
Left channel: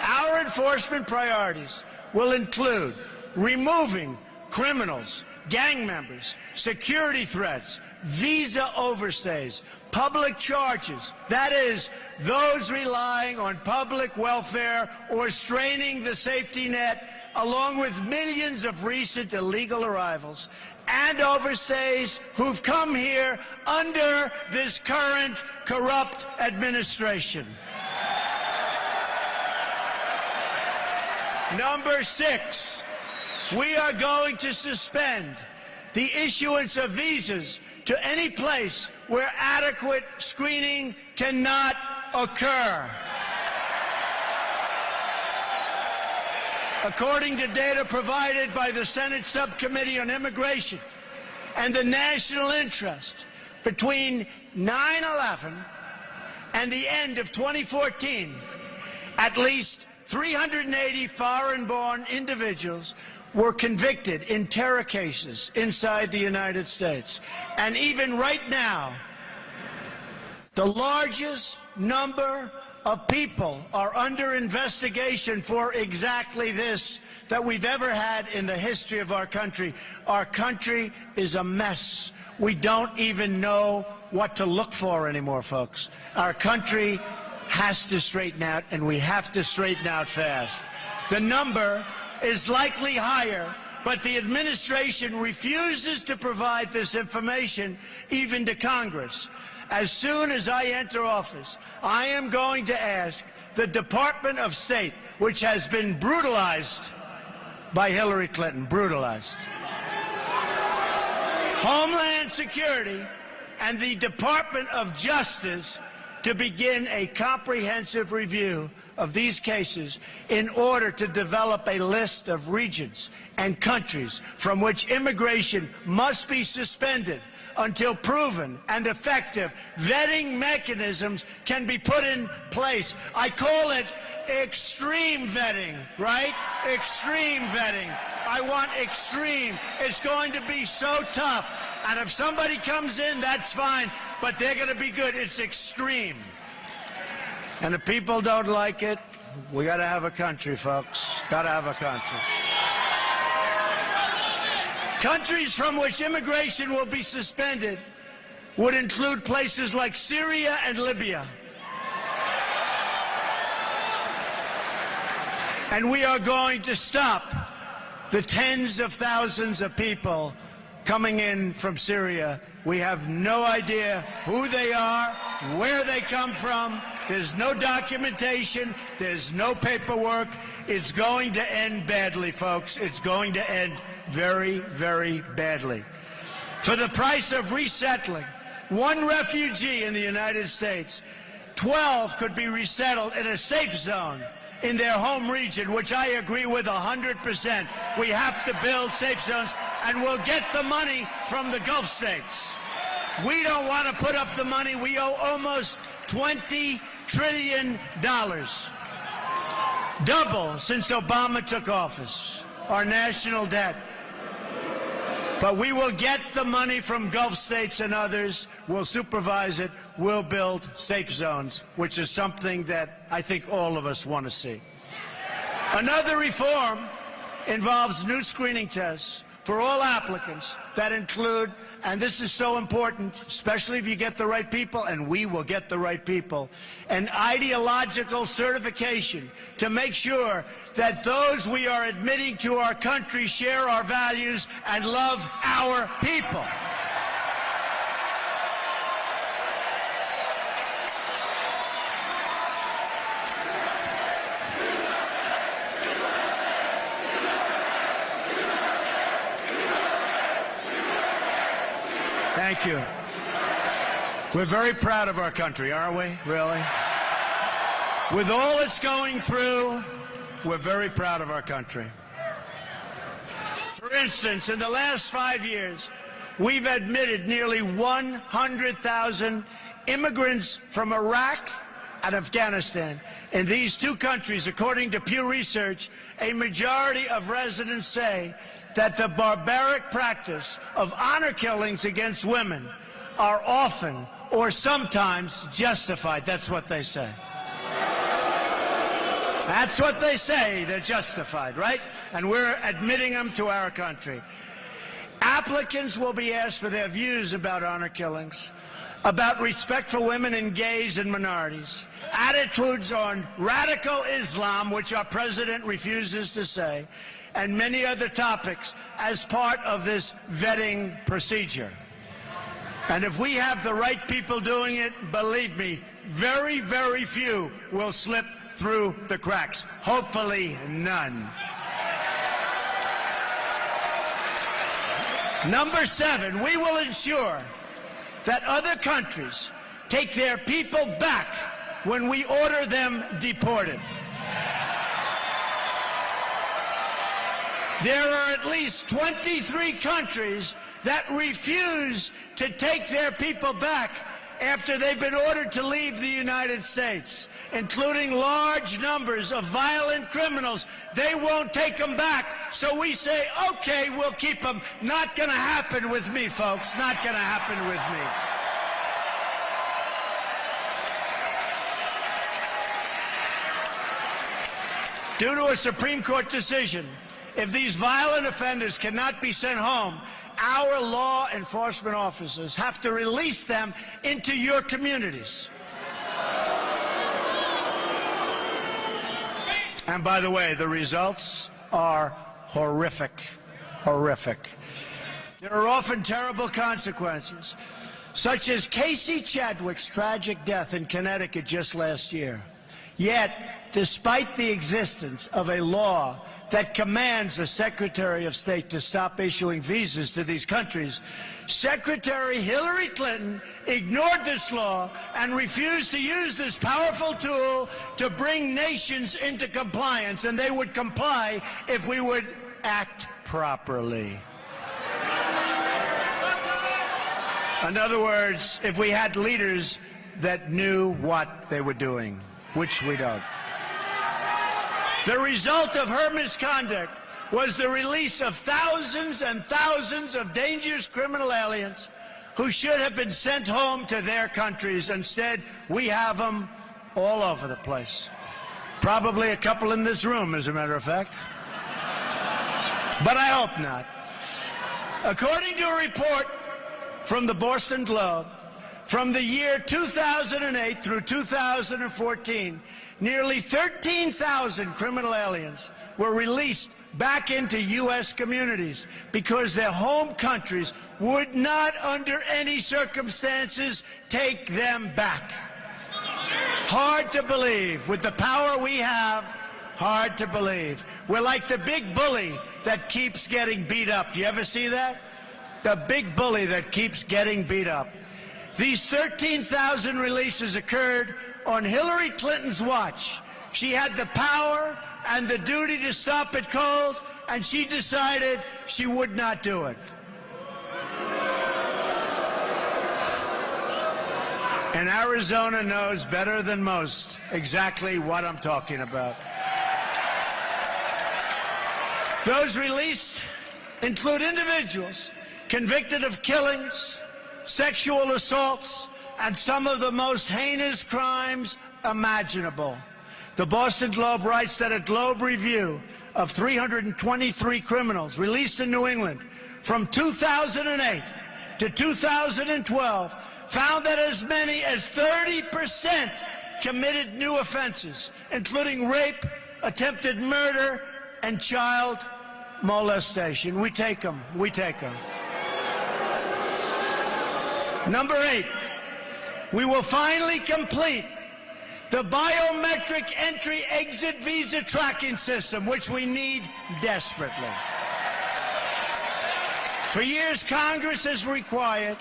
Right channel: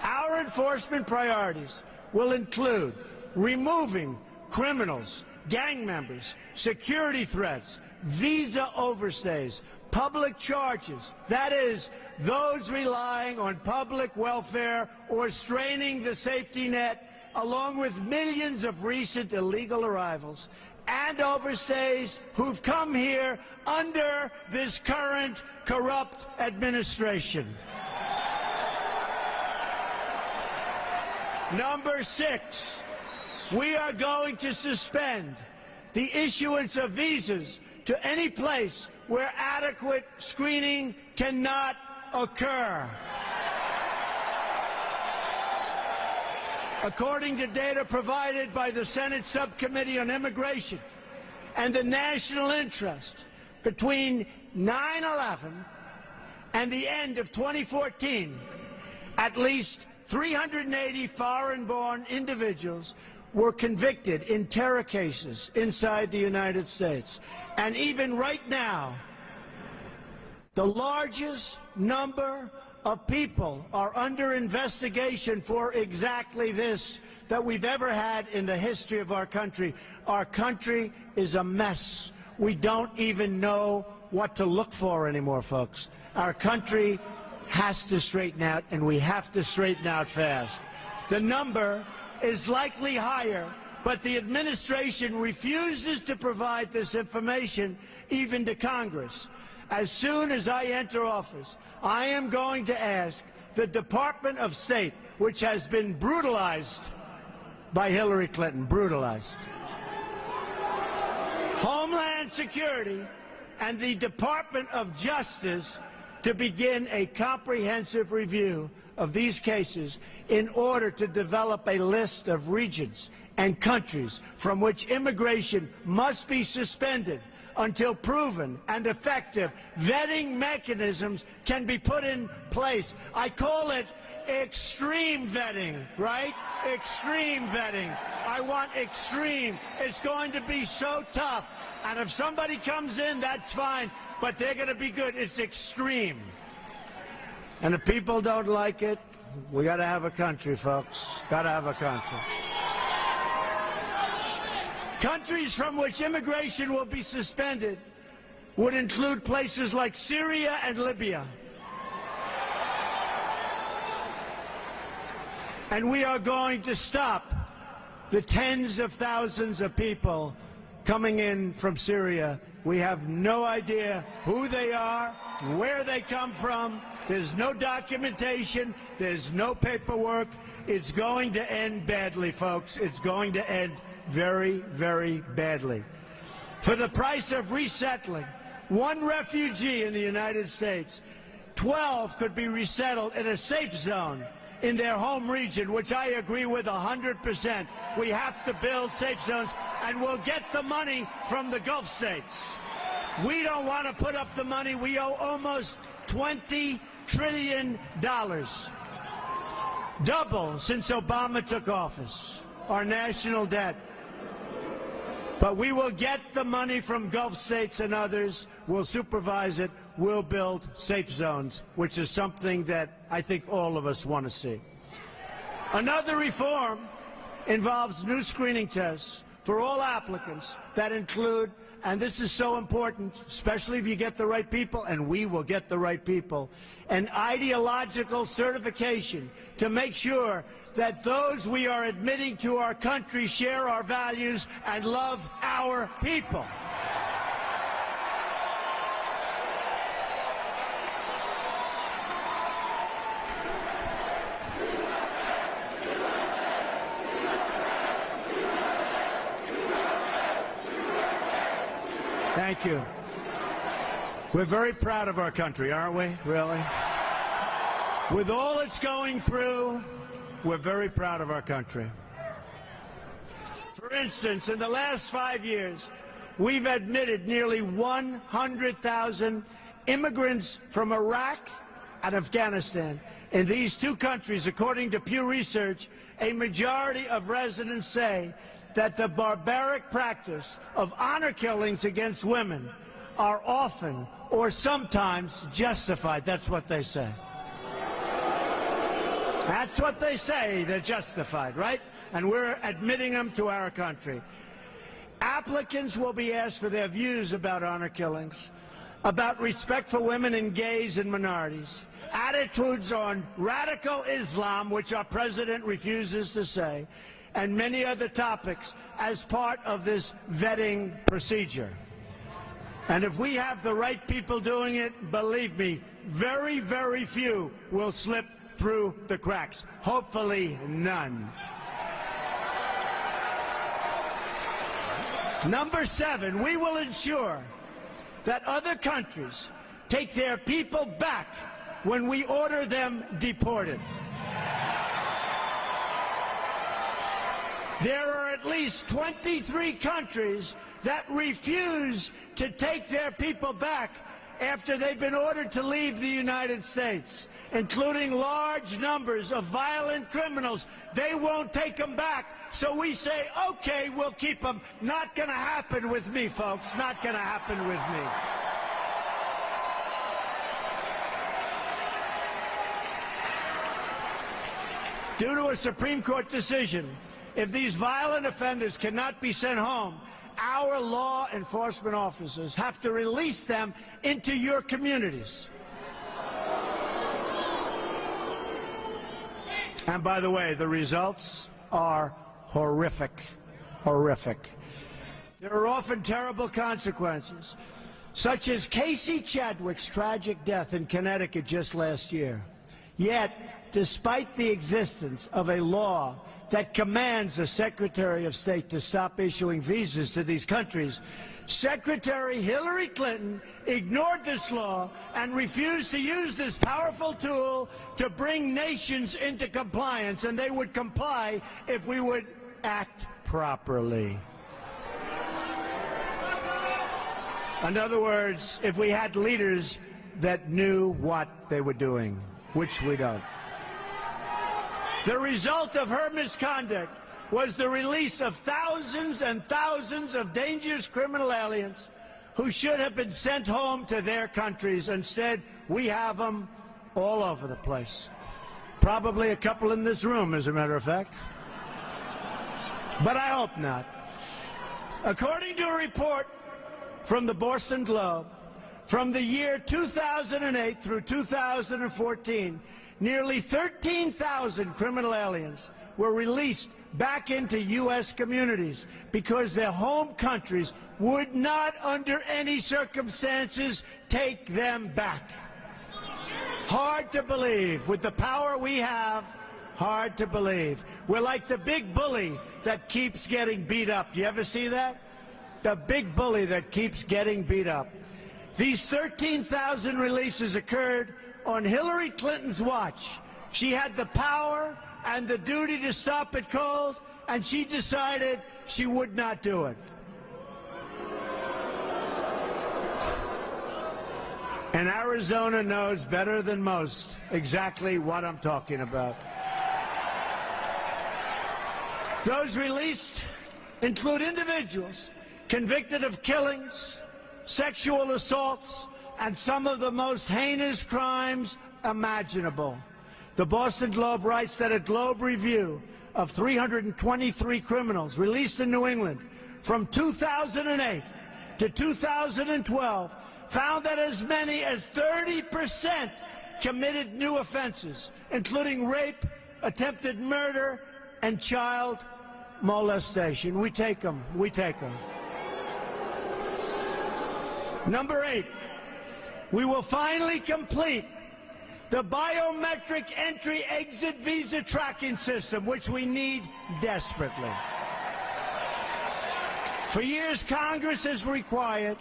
Our enforcement priorities will include removing criminals, gang members, security threats, visa overstays, public charges, that is, those relying on public welfare or straining the safety net, along with millions of recent illegal arrivals and overstays who've come here under this current corrupt administration. Number 6, we are going to suspend the issuance of visas to any place where adequate screening cannot occur. According to data provided by the Senate Subcommittee on Immigration and the National Interest, between 9/11 and the end of 2014, at least 380 foreign-born individuals were convicted in terror cases inside the United States. And even right now, the largest number of people are under investigation for exactly this that we've ever had in the history of our country. Our country is a mess. We don't even know what to look for anymore, folks. Our country has to straighten out, and we have to straighten out fast. The number is likely higher, but the administration refuses to provide this information even to Congress. As soon as I enter office, I am going to ask the Department of State, which has been brutalized by Hillary Clinton, brutalized, Homeland Security, and the Department of Justice to begin a comprehensive review of these cases in order to develop a list of regions and countries from which immigration must be suspended until proven and effective vetting mechanisms can be put in place. I call it extreme vetting, right? Extreme vetting. I want extreme. It's going to be so tough. And if somebody comes in, that's fine, but they're going to be good. It's extreme. And if people don't like it, we got to have a country, folks. Got to have a country. Countries from which immigration will be suspended would include places like Syria and Libya. And we are going to stop the tens of thousands of people coming in from Syria. We have no idea who they are, where they come from. There's no documentation. There's no paperwork. It's going to end badly, folks. It's going to end very, very badly. For the price of resettling one refugee in the United States, 12 could be resettled in a safe zone in their home region, which I agree with 100%. We have to build safe zones, and we'll get the money from the Gulf states. We don't want to put up the money. We owe almost $20 trillion. Double since Obama took office, our national debt. But we will get the money from Gulf states and others. We'll supervise it. We'll build safe zones, which is something that I think all of us want to see. Another reform involves new screening tests for all applicants that include, and this is so important, especially if you get the right people, and we will get the right people, an ideological certification to make sure that those we are admitting to our country share our values and love our people. Thank you. We're very proud of our country, aren't we? Really? With all it's going through, we're very proud of our country. For instance, in the last 5 years, we've admitted nearly 100,000 immigrants from Iraq and Afghanistan. In these two countries, according to Pew Research, a majority of residents say that the barbaric practice of honor killings against women are often or sometimes justified. That's what they say. That's what they say. They're justified, right? And we're admitting them to our country. Applicants will be asked for their views about honor killings, about respect for women and gays and minorities, attitudes on radical Islam, which our president refuses to say, and many other topics as part of this vetting procedure. And if we have the right people doing it, believe me, very, very few will slip through the cracks. Hopefully, none. Number 7, we will ensure that other countries take their people back when we order them deported. There are at least 23 countries that refuse to take their people back after they've been ordered to leave the United States, including large numbers of violent criminals. They won't take them back, so we say, okay, we'll keep them. Not going to happen with me, folks. Not going to happen with me. Due to a Supreme Court decision, if these violent offenders cannot be sent home, our law enforcement officers have to release them into your communities. And by the way, the results are horrific, horrific. There are often terrible consequences, such as Casey Chadwick's tragic death in Connecticut just last year. Yet, despite the existence of a law that commands the Secretary of State to stop issuing visas to these countries, Secretary Hillary Clinton ignored this law and refused to use this powerful tool to bring nations into compliance, and they would comply if we would act properly. In other words, if we had leaders that knew what they were doing, which we don't. The result of her misconduct was the release of thousands and thousands of dangerous criminal aliens who should have been sent home to their countries. Instead, we have them all over the place. Probably a couple in this room, as a matter of fact. But I hope not. According to a report from the Boston Globe, from the year 2008 through 2014, nearly 13,000 criminal aliens were released back into U.S. communities because their home countries would not, under any circumstances, take them back. Hard to believe. With the power we have, hard to believe. We're like the big bully that keeps getting beat up. Do you ever see that? The big bully that keeps getting beat up. These 13,000 releases occurred on Hillary Clinton's watch. She had the power and the duty to stop it cold, and she decided she would not do it. And Arizona knows better than most exactly what I'm talking about. Those released include individuals convicted of killings, sexual assaults, and some of the most heinous crimes imaginable. The Boston Globe writes that a Globe review of 323 criminals released in New England from 2008 to 2012 found that as many as 30% committed new offenses, including rape, attempted murder, and child molestation. We take them. We take them. Number 8, we will finally complete the biometric entry-exit visa tracking system, which we need desperately. For years, Congress has required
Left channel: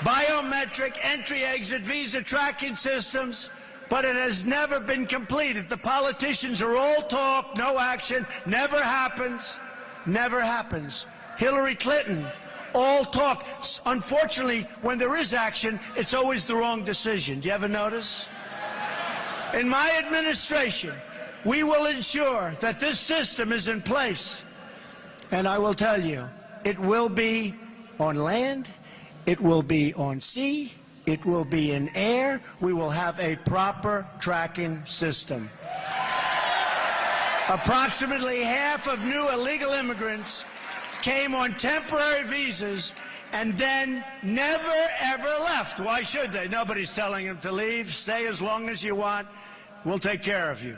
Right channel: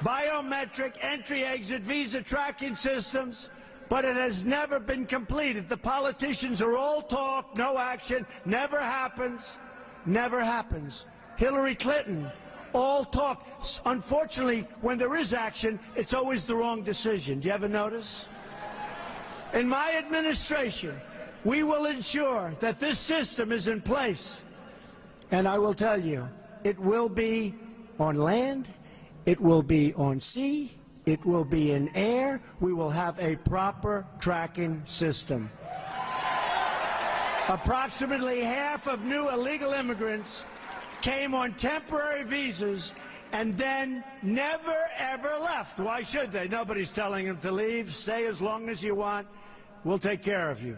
biometric entry-exit visa tracking systems, but it has never been completed. The politicians are all talk, no action, never happens, never happens. Hillary Clinton, all talk. Unfortunately, when there is action, it's always the wrong decision. Do you ever notice? In my administration, we will ensure that this system is in place. And I will tell you, it will be on land, it will be on sea, it will be in air. We will have a proper tracking system. Approximately half of new illegal immigrants came on temporary visas and then never, ever left. Why should they? Nobody's telling them to leave. Stay as long as you want. We'll take care of you.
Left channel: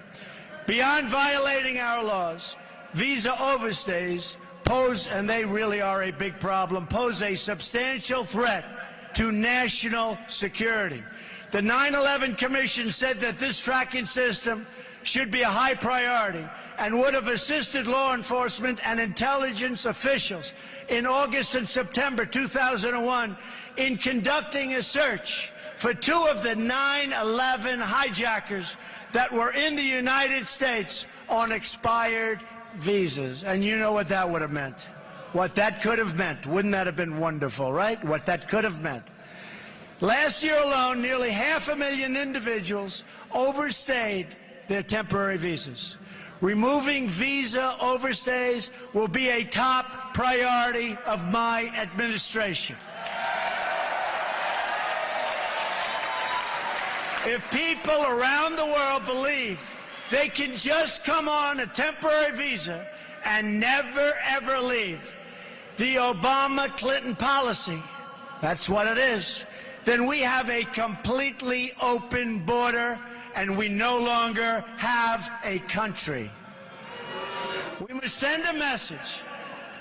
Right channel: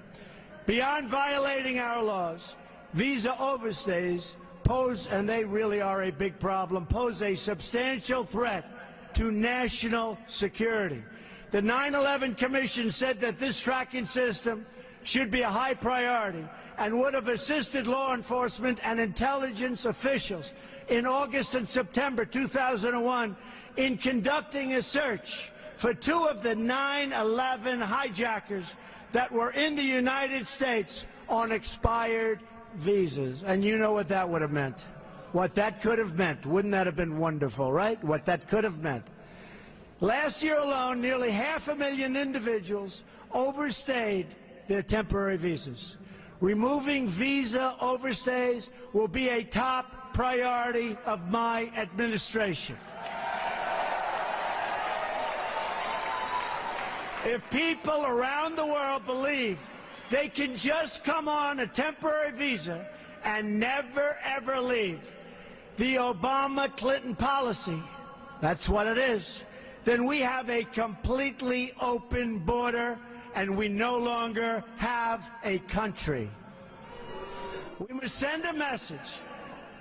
Beyond violating our laws, visa overstays pose, and they really are a big problem, pose a substantial threat to national security. The 9/11 Commission said that this tracking system should be a high priority and would have assisted law enforcement and intelligence officials in August and September 2001 in conducting a search for 2 of the 9/11 hijackers that were in the United States on expired visas. And you know what that would have meant. What that could have meant. Wouldn't that have been wonderful, right? What that could have meant. Last year alone, nearly 500,000 individuals overstayed their temporary visas. Removing visa overstays will be a top priority of my administration. If people around the world believe they can just come on a temporary visa and never, ever leave, the Obama-Clinton policy, that's what it is, then we have a completely open border and we no longer have a country. We must send a message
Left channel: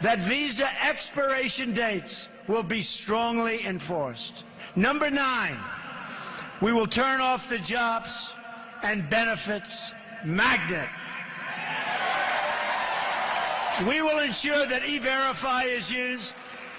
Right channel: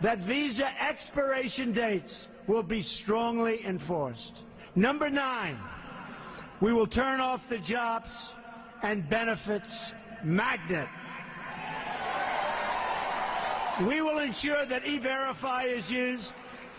that visa expiration dates will be strongly enforced. Number 9, we will turn off the jobs and benefits magnet. We will ensure that E-Verify is used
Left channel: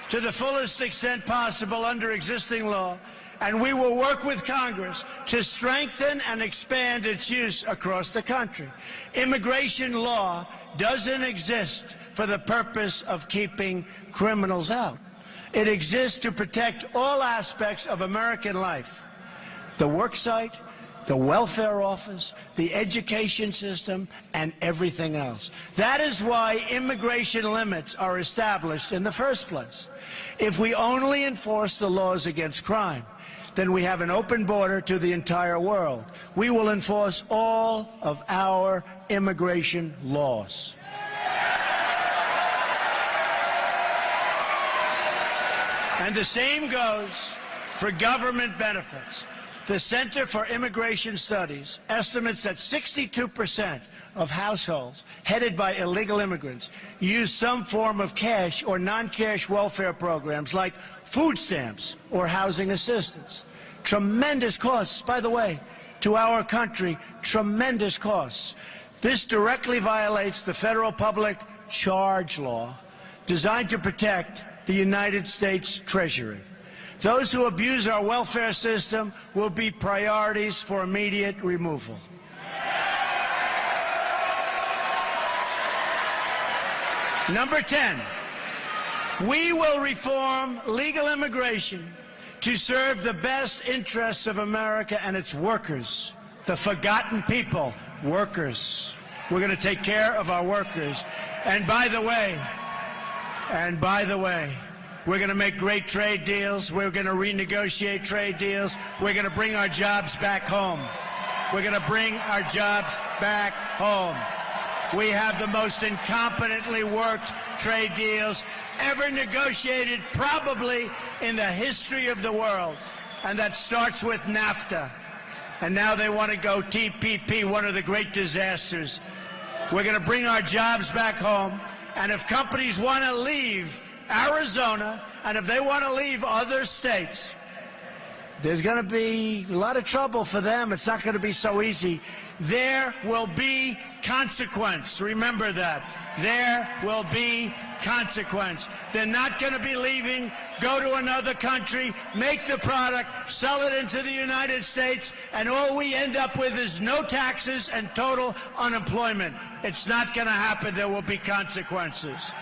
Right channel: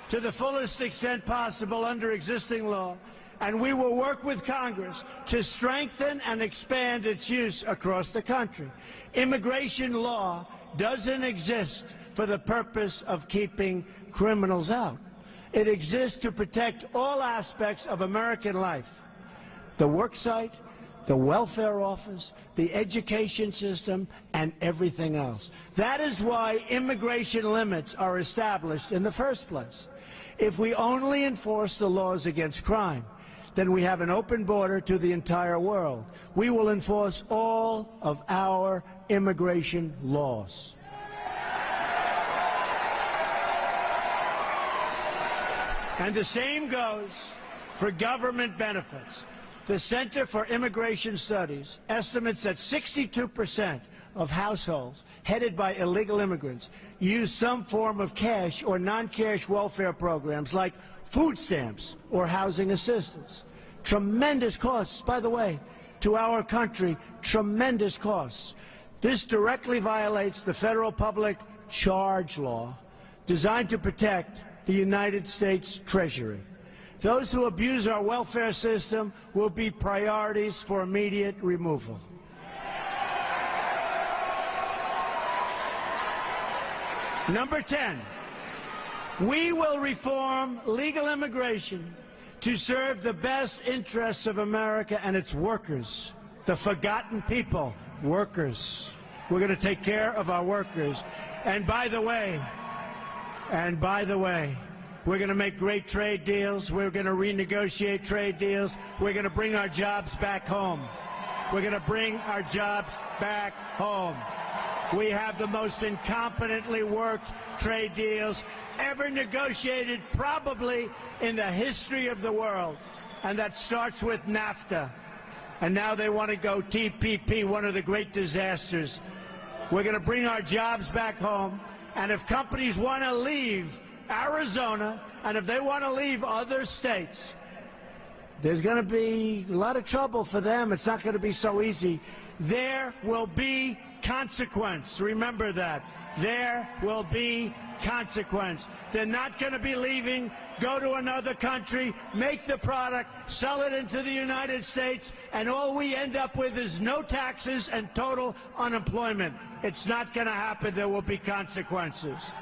to the fullest extent possible under existing law, and we will work with Congress to strengthen and expand its use across the country. Immigration law doesn't exist for the purpose of keeping criminals out. It exists to protect all aspects of American life: the work site, the welfare office, the education system, and everything else. That is why immigration limits are established in the first place. If we only enforce the laws against crime, then we have an open border to the entire world. We will enforce all of our immigration laws. And the same goes for government benefits. The Center for Immigration Studies estimates that 62% of households headed by illegal immigrants use some form of cash or non-cash welfare programs like food stamps or housing assistance. Tremendous costs, by the way, to our country, tremendous costs. This directly violates the federal public charge law designed to protect the United States Treasury. Those who abuse our welfare system will be priorities for immediate removal. Number 10, we will reform legal immigration to serve the best interests of America and its workers, the forgotten people, workers. We're going to take care of our workers. And by the way, we're going to make great trade deals. We're going to renegotiate trade deals. We're going to bring our jobs back home. We're going to bring our jobs back home. We have the most incompetently worked trade deals ever negotiated, probably in the history of the world. And that starts with NAFTA. And now they want to go TPP, one of the great disasters. We're going to bring our jobs back home. And if companies want to leave Arizona, and if they want to leave other states, there's going to be a lot of trouble for them. It's not going to be so easy. There will be consequence. Remember that. There will be consequence. They're not going to be leaving, go to another country, make the product, sell it into the United States, and all we end up with is no taxes and total unemployment. It's not going to happen. There will be consequences.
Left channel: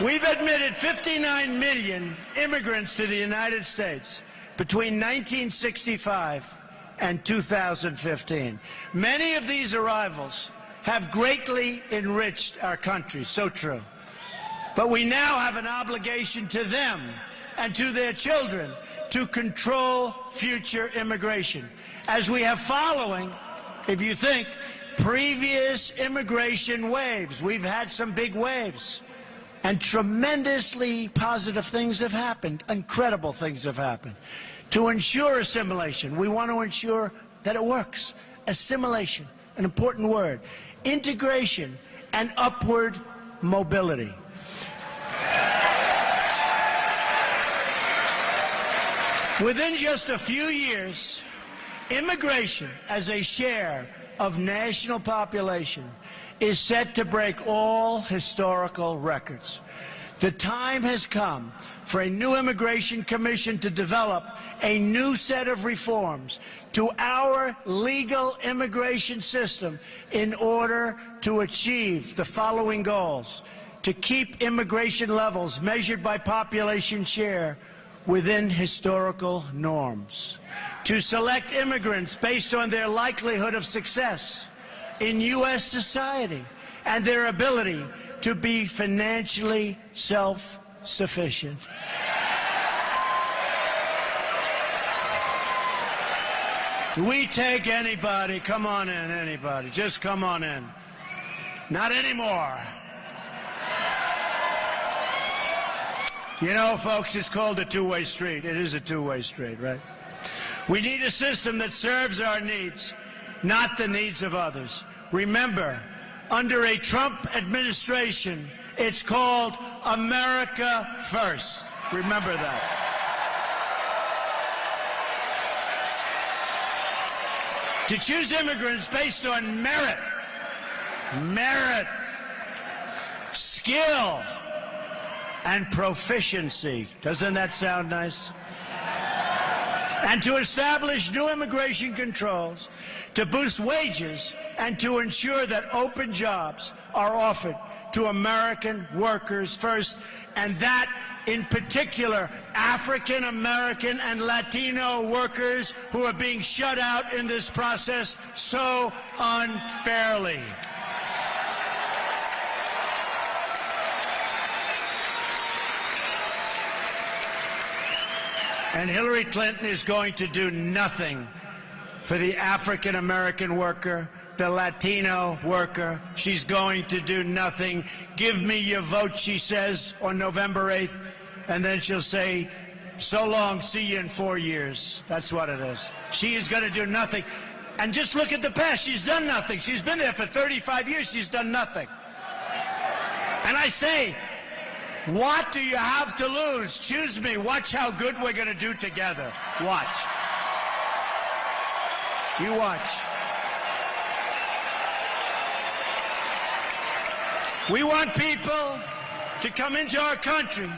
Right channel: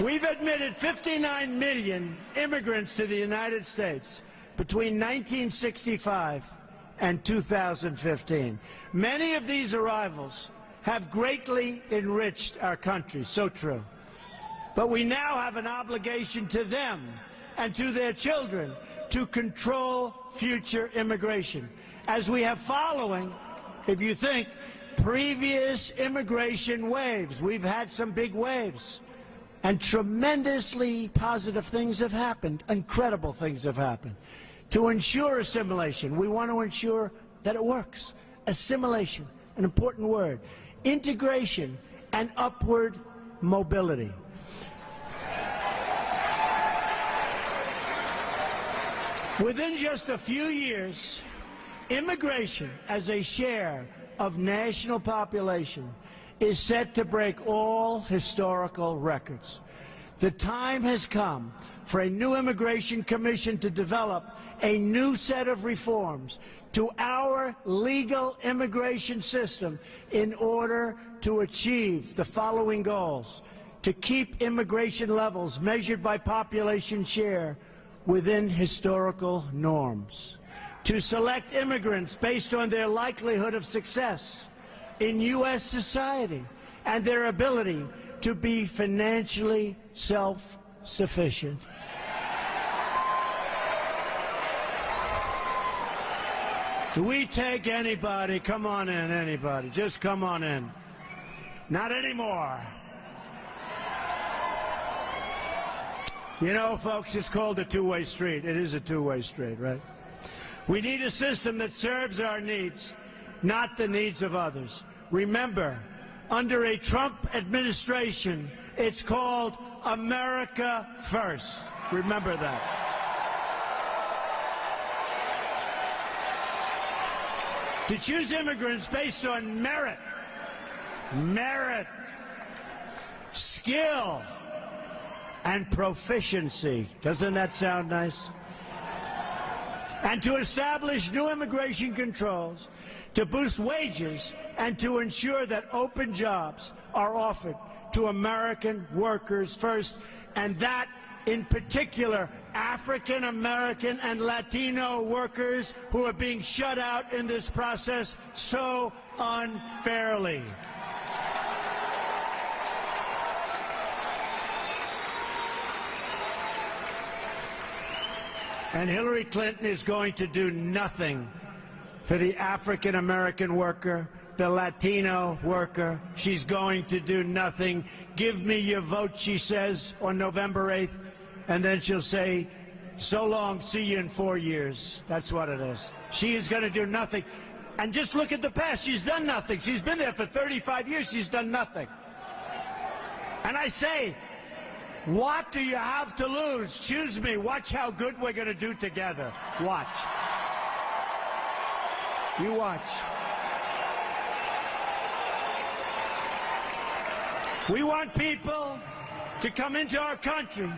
We've admitted 59 million immigrants to the United States between 1965 and 2015. Many of these arrivals have greatly enriched our country, so true. But we now have an obligation to them and to their children to control future immigration, as we have following, if you think, previous immigration waves. We've had some big waves. And tremendously positive things have happened. Incredible things have happened. To ensure assimilation, we want to ensure that it works. Assimilation, an important word. Integration and upward mobility. Within just a few years, immigration as a share of national population is set to break all historical records. The time has come for a new immigration commission to develop a new set of reforms to our legal immigration system in order to achieve the following goals: to keep immigration levels measured by population share within historical norms, to select immigrants based on their likelihood of success in U.S. society and their ability to be financially self-sufficient. We take anybody. Come on in, anybody. Just come on in. Not anymore. You know, folks, it's called a two-way street. It is a two-way street, right? We need a system that serves our needs, not the needs of others. Remember, under a Trump administration, it's called America First. Remember that. To choose immigrants based on merit, skill, and proficiency. Doesn't that sound nice? And to establish new immigration controls, to boost wages, and to ensure that open jobs are offered to American workers first, and that, in particular, African American and Latino workers who are being shut out in this process so unfairly. And Hillary Clinton is going to do nothing for the African American worker, the Latino worker. She's going to do nothing. Give me your vote, she says, on November 8th. And then she'll say, so long, see you in 4 years. That's what it is. She is going to do nothing. And just look at the past. She's done nothing. She's been there for 35 years. She's done nothing. And I say, what do you have to lose? Choose me. Watch how good we're going to do together. Watch. You watch. We want people to come into our country,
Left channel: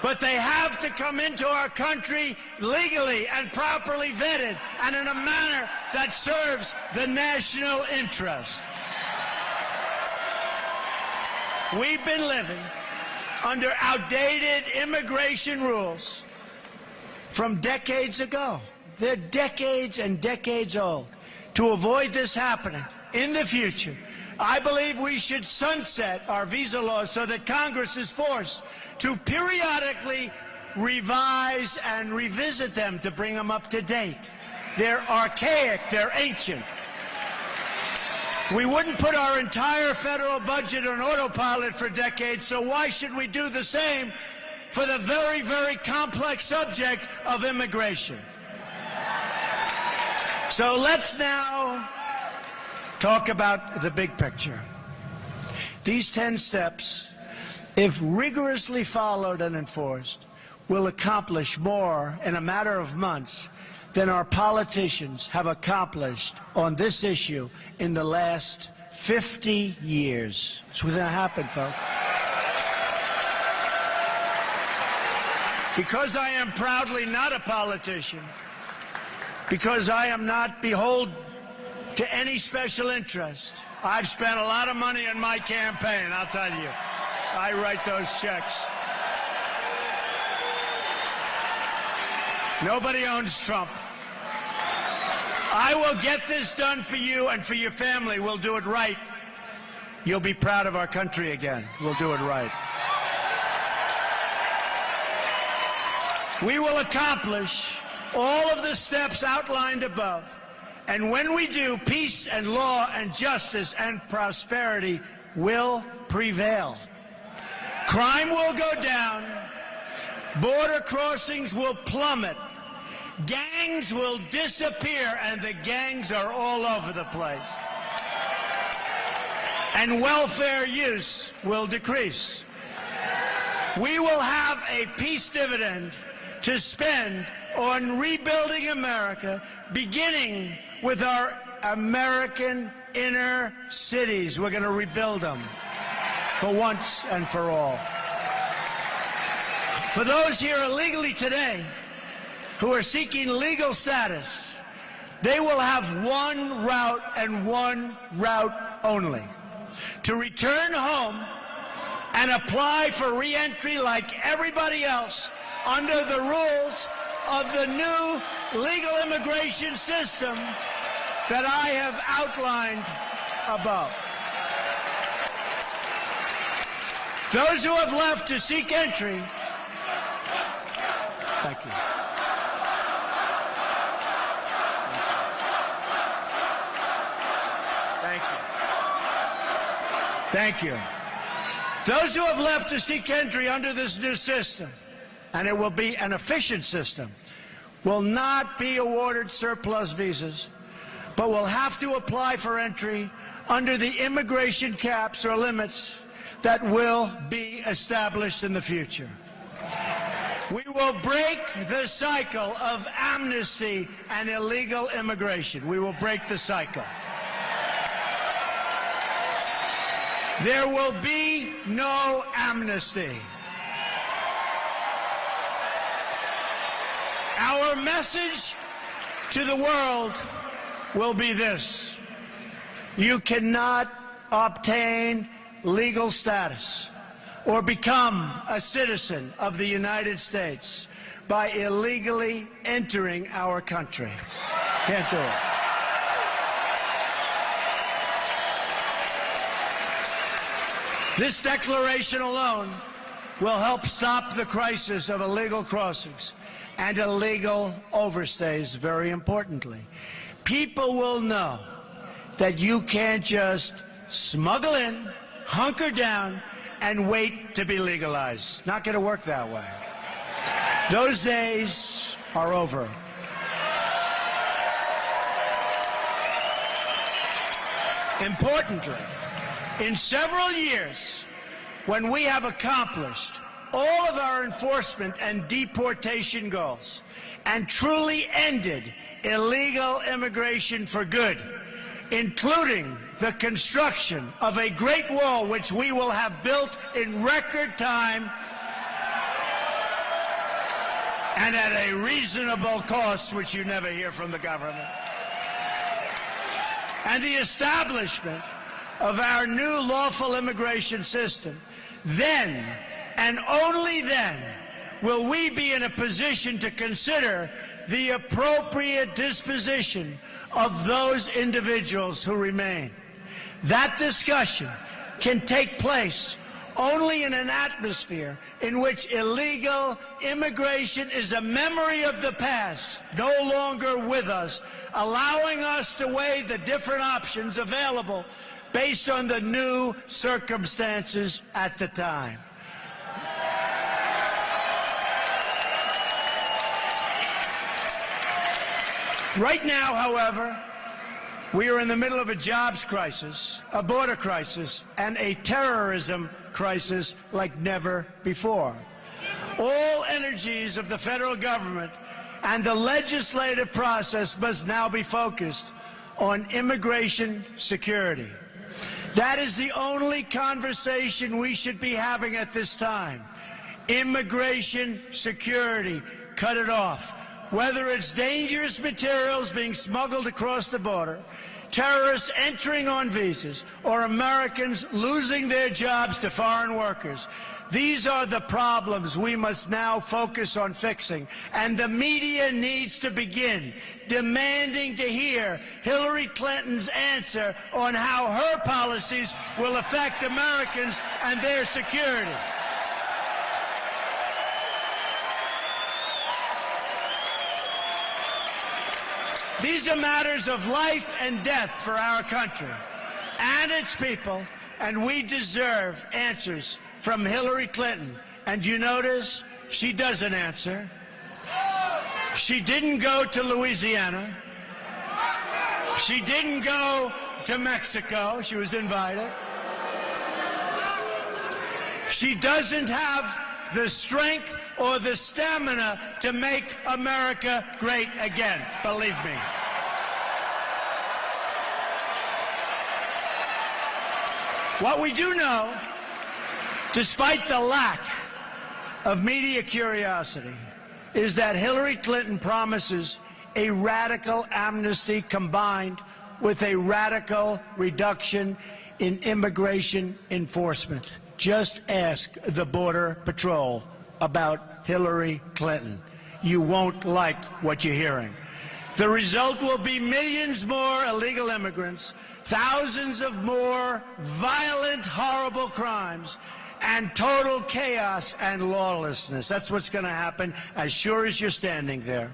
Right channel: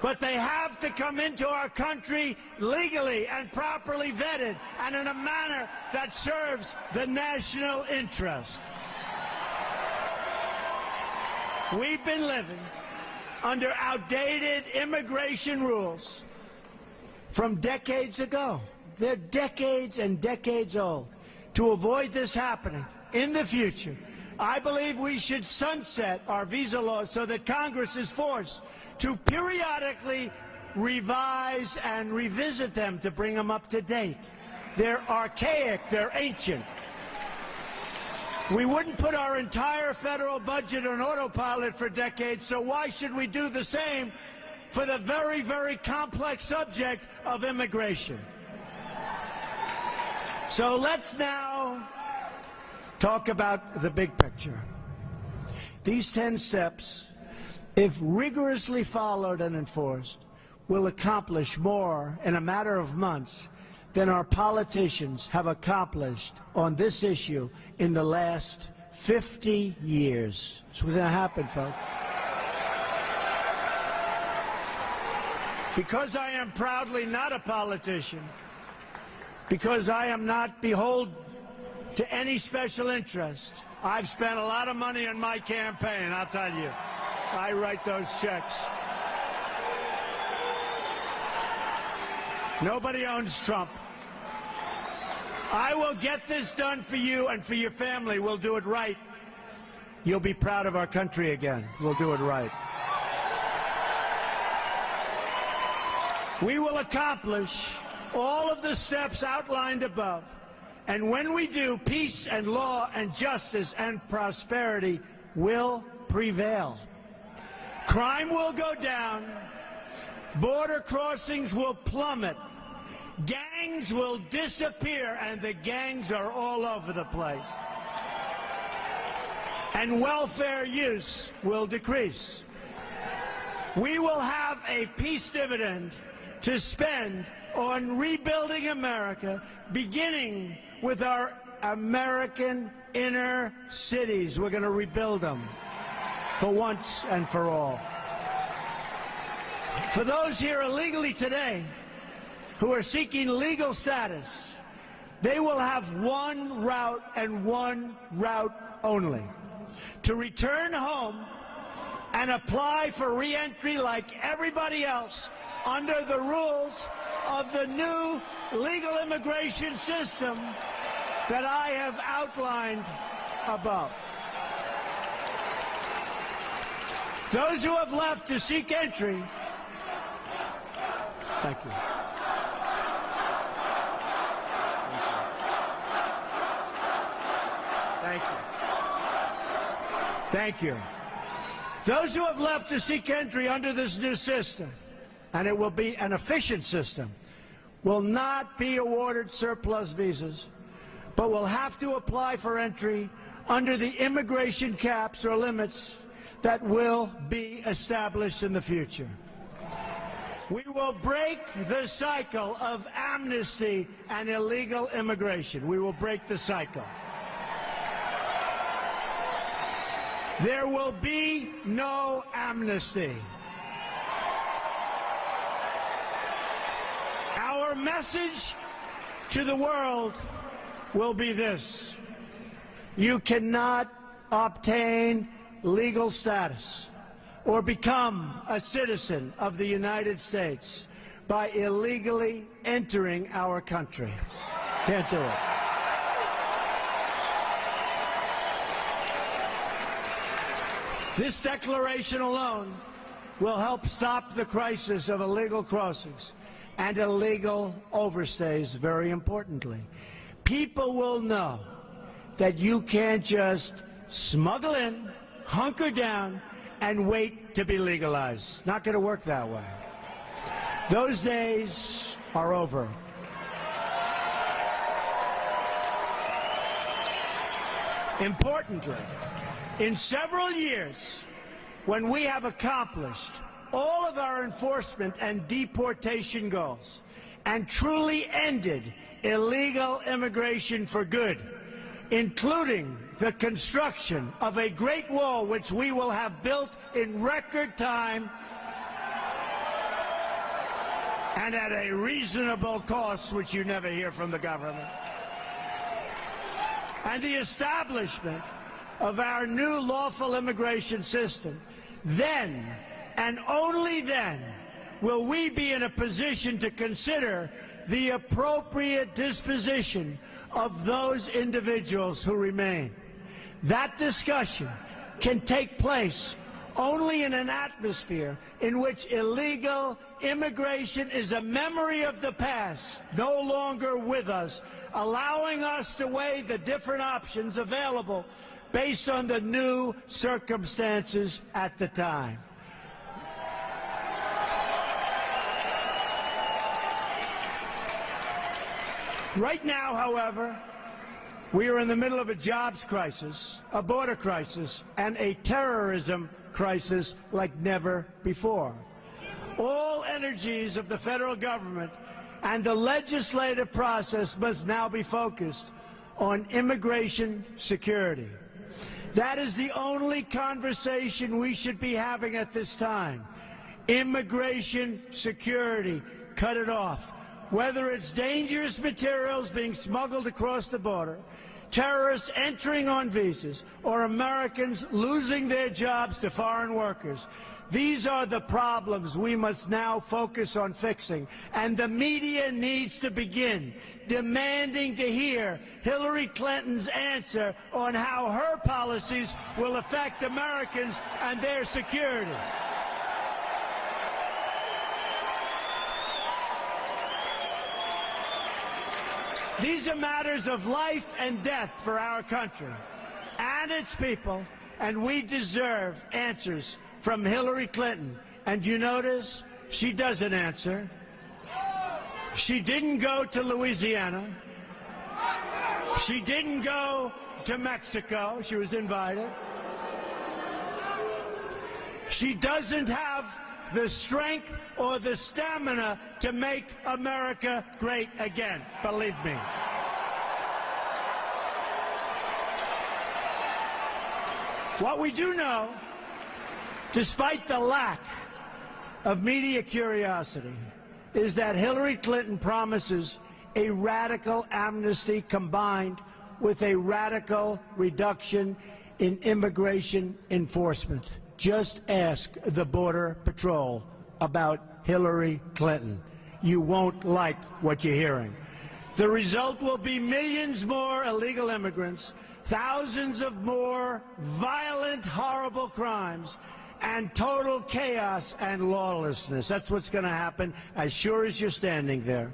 but they have to come into our country legally and properly vetted and in a manner that serves the national interest. We've been living under outdated immigration rules from decades ago. They're decades and decades old. To avoid this happening in the future, I believe we should sunset our visa laws so that Congress is forced to periodically revise and revisit them to bring them up to date. They're archaic, they're ancient. We wouldn't put our entire federal budget on autopilot for decades, so why should we do the same for the very, very complex subject of immigration? So let's now talk about the big picture. These 10 steps, if rigorously followed and enforced, will accomplish more in a matter of months than our politicians have accomplished on this issue in the last 50 years. It's what's going to happen, folks. Because I am proudly not a politician, because I am not beholden to any special interest, I've spent a lot of money on my campaign, I'll tell you. I write those checks. Nobody owns Trump. I will get this done for you and for your family. We'll do it right. You'll be proud of our country again. We'll do it right. We will accomplish all of the steps outlined above. And when we do, peace and law and justice and prosperity will prevail. Crime will go down. Border crossings will plummet. Gangs will disappear, and the gangs are all over the place. And welfare use will decrease. We will have a peace dividend to spend on rebuilding America, beginning with our American inner cities. We're going to rebuild them for once and for all. For those here illegally today who are seeking legal status, they will have one route and one route only: to return home and apply for re-entry like everybody else under the rules of the new legal immigration system that I have outlined above. Those who have left to seek entry, thank you. Thank you. Thank you. Those who have left to seek entry under this new system, and it will be an efficient system, will not be awarded surplus visas, but will have to apply for entry under the immigration caps or limits that will be established in the future. We will break the cycle of amnesty and illegal immigration. We will break the cycle. There will be no amnesty. Our message to the world will be this: you cannot obtain legal status or become a citizen of the United States by illegally entering our country. Can't do it. This declaration alone will help stop the crisis of illegal crossings and illegal overstays, very importantly. People will know that you can't just smuggle in, hunker down, and wait to be legalized. Not going to work that way. Those days are over. Importantly, in several years, when we have accomplished all of our enforcement and deportation goals and truly ended illegal immigration for good, including the construction of a great wall which we will have built in record time and at a reasonable cost, which you never hear from the government, and the establishment of our new lawful immigration system, then and only then will we be in a position to consider the appropriate disposition of those individuals who remain. That discussion can take place only in an atmosphere in which illegal immigration is a memory of the past, no longer with us, allowing us to weigh the different options available based on the new circumstances at the time. Right now, however, we are in the middle of a jobs crisis, a border crisis, and a terrorism crisis like never before. All energies of the federal government and the legislative process must now be focused on immigration security. That is the only conversation we should be having at this time. Immigration security, cut it off. Whether it's dangerous materials being smuggled across the border, terrorists entering on visas, or Americans losing their jobs to foreign workers. These are the problems we must now focus on fixing, and the media needs to begin demanding to hear Hillary Clinton's answer on how her policies will affect Americans and their security. These are matters of life and death for our country and its people, and we deserve answers from Hillary Clinton. And you notice she doesn't answer. She didn't go to Louisiana. She didn't go to Mexico. She was invited. She doesn't have the strength or the stamina to make America great again, believe me. What we do know, despite the lack of media curiosity, is that Hillary Clinton promises a radical amnesty combined with a radical reduction in immigration enforcement. Just ask the Border Patrol about Hillary Clinton. You won't like what you're hearing. The result will be millions more illegal immigrants, thousands of more violent, horrible crimes, and total chaos and lawlessness. That's what's going to happen as sure as you're standing there.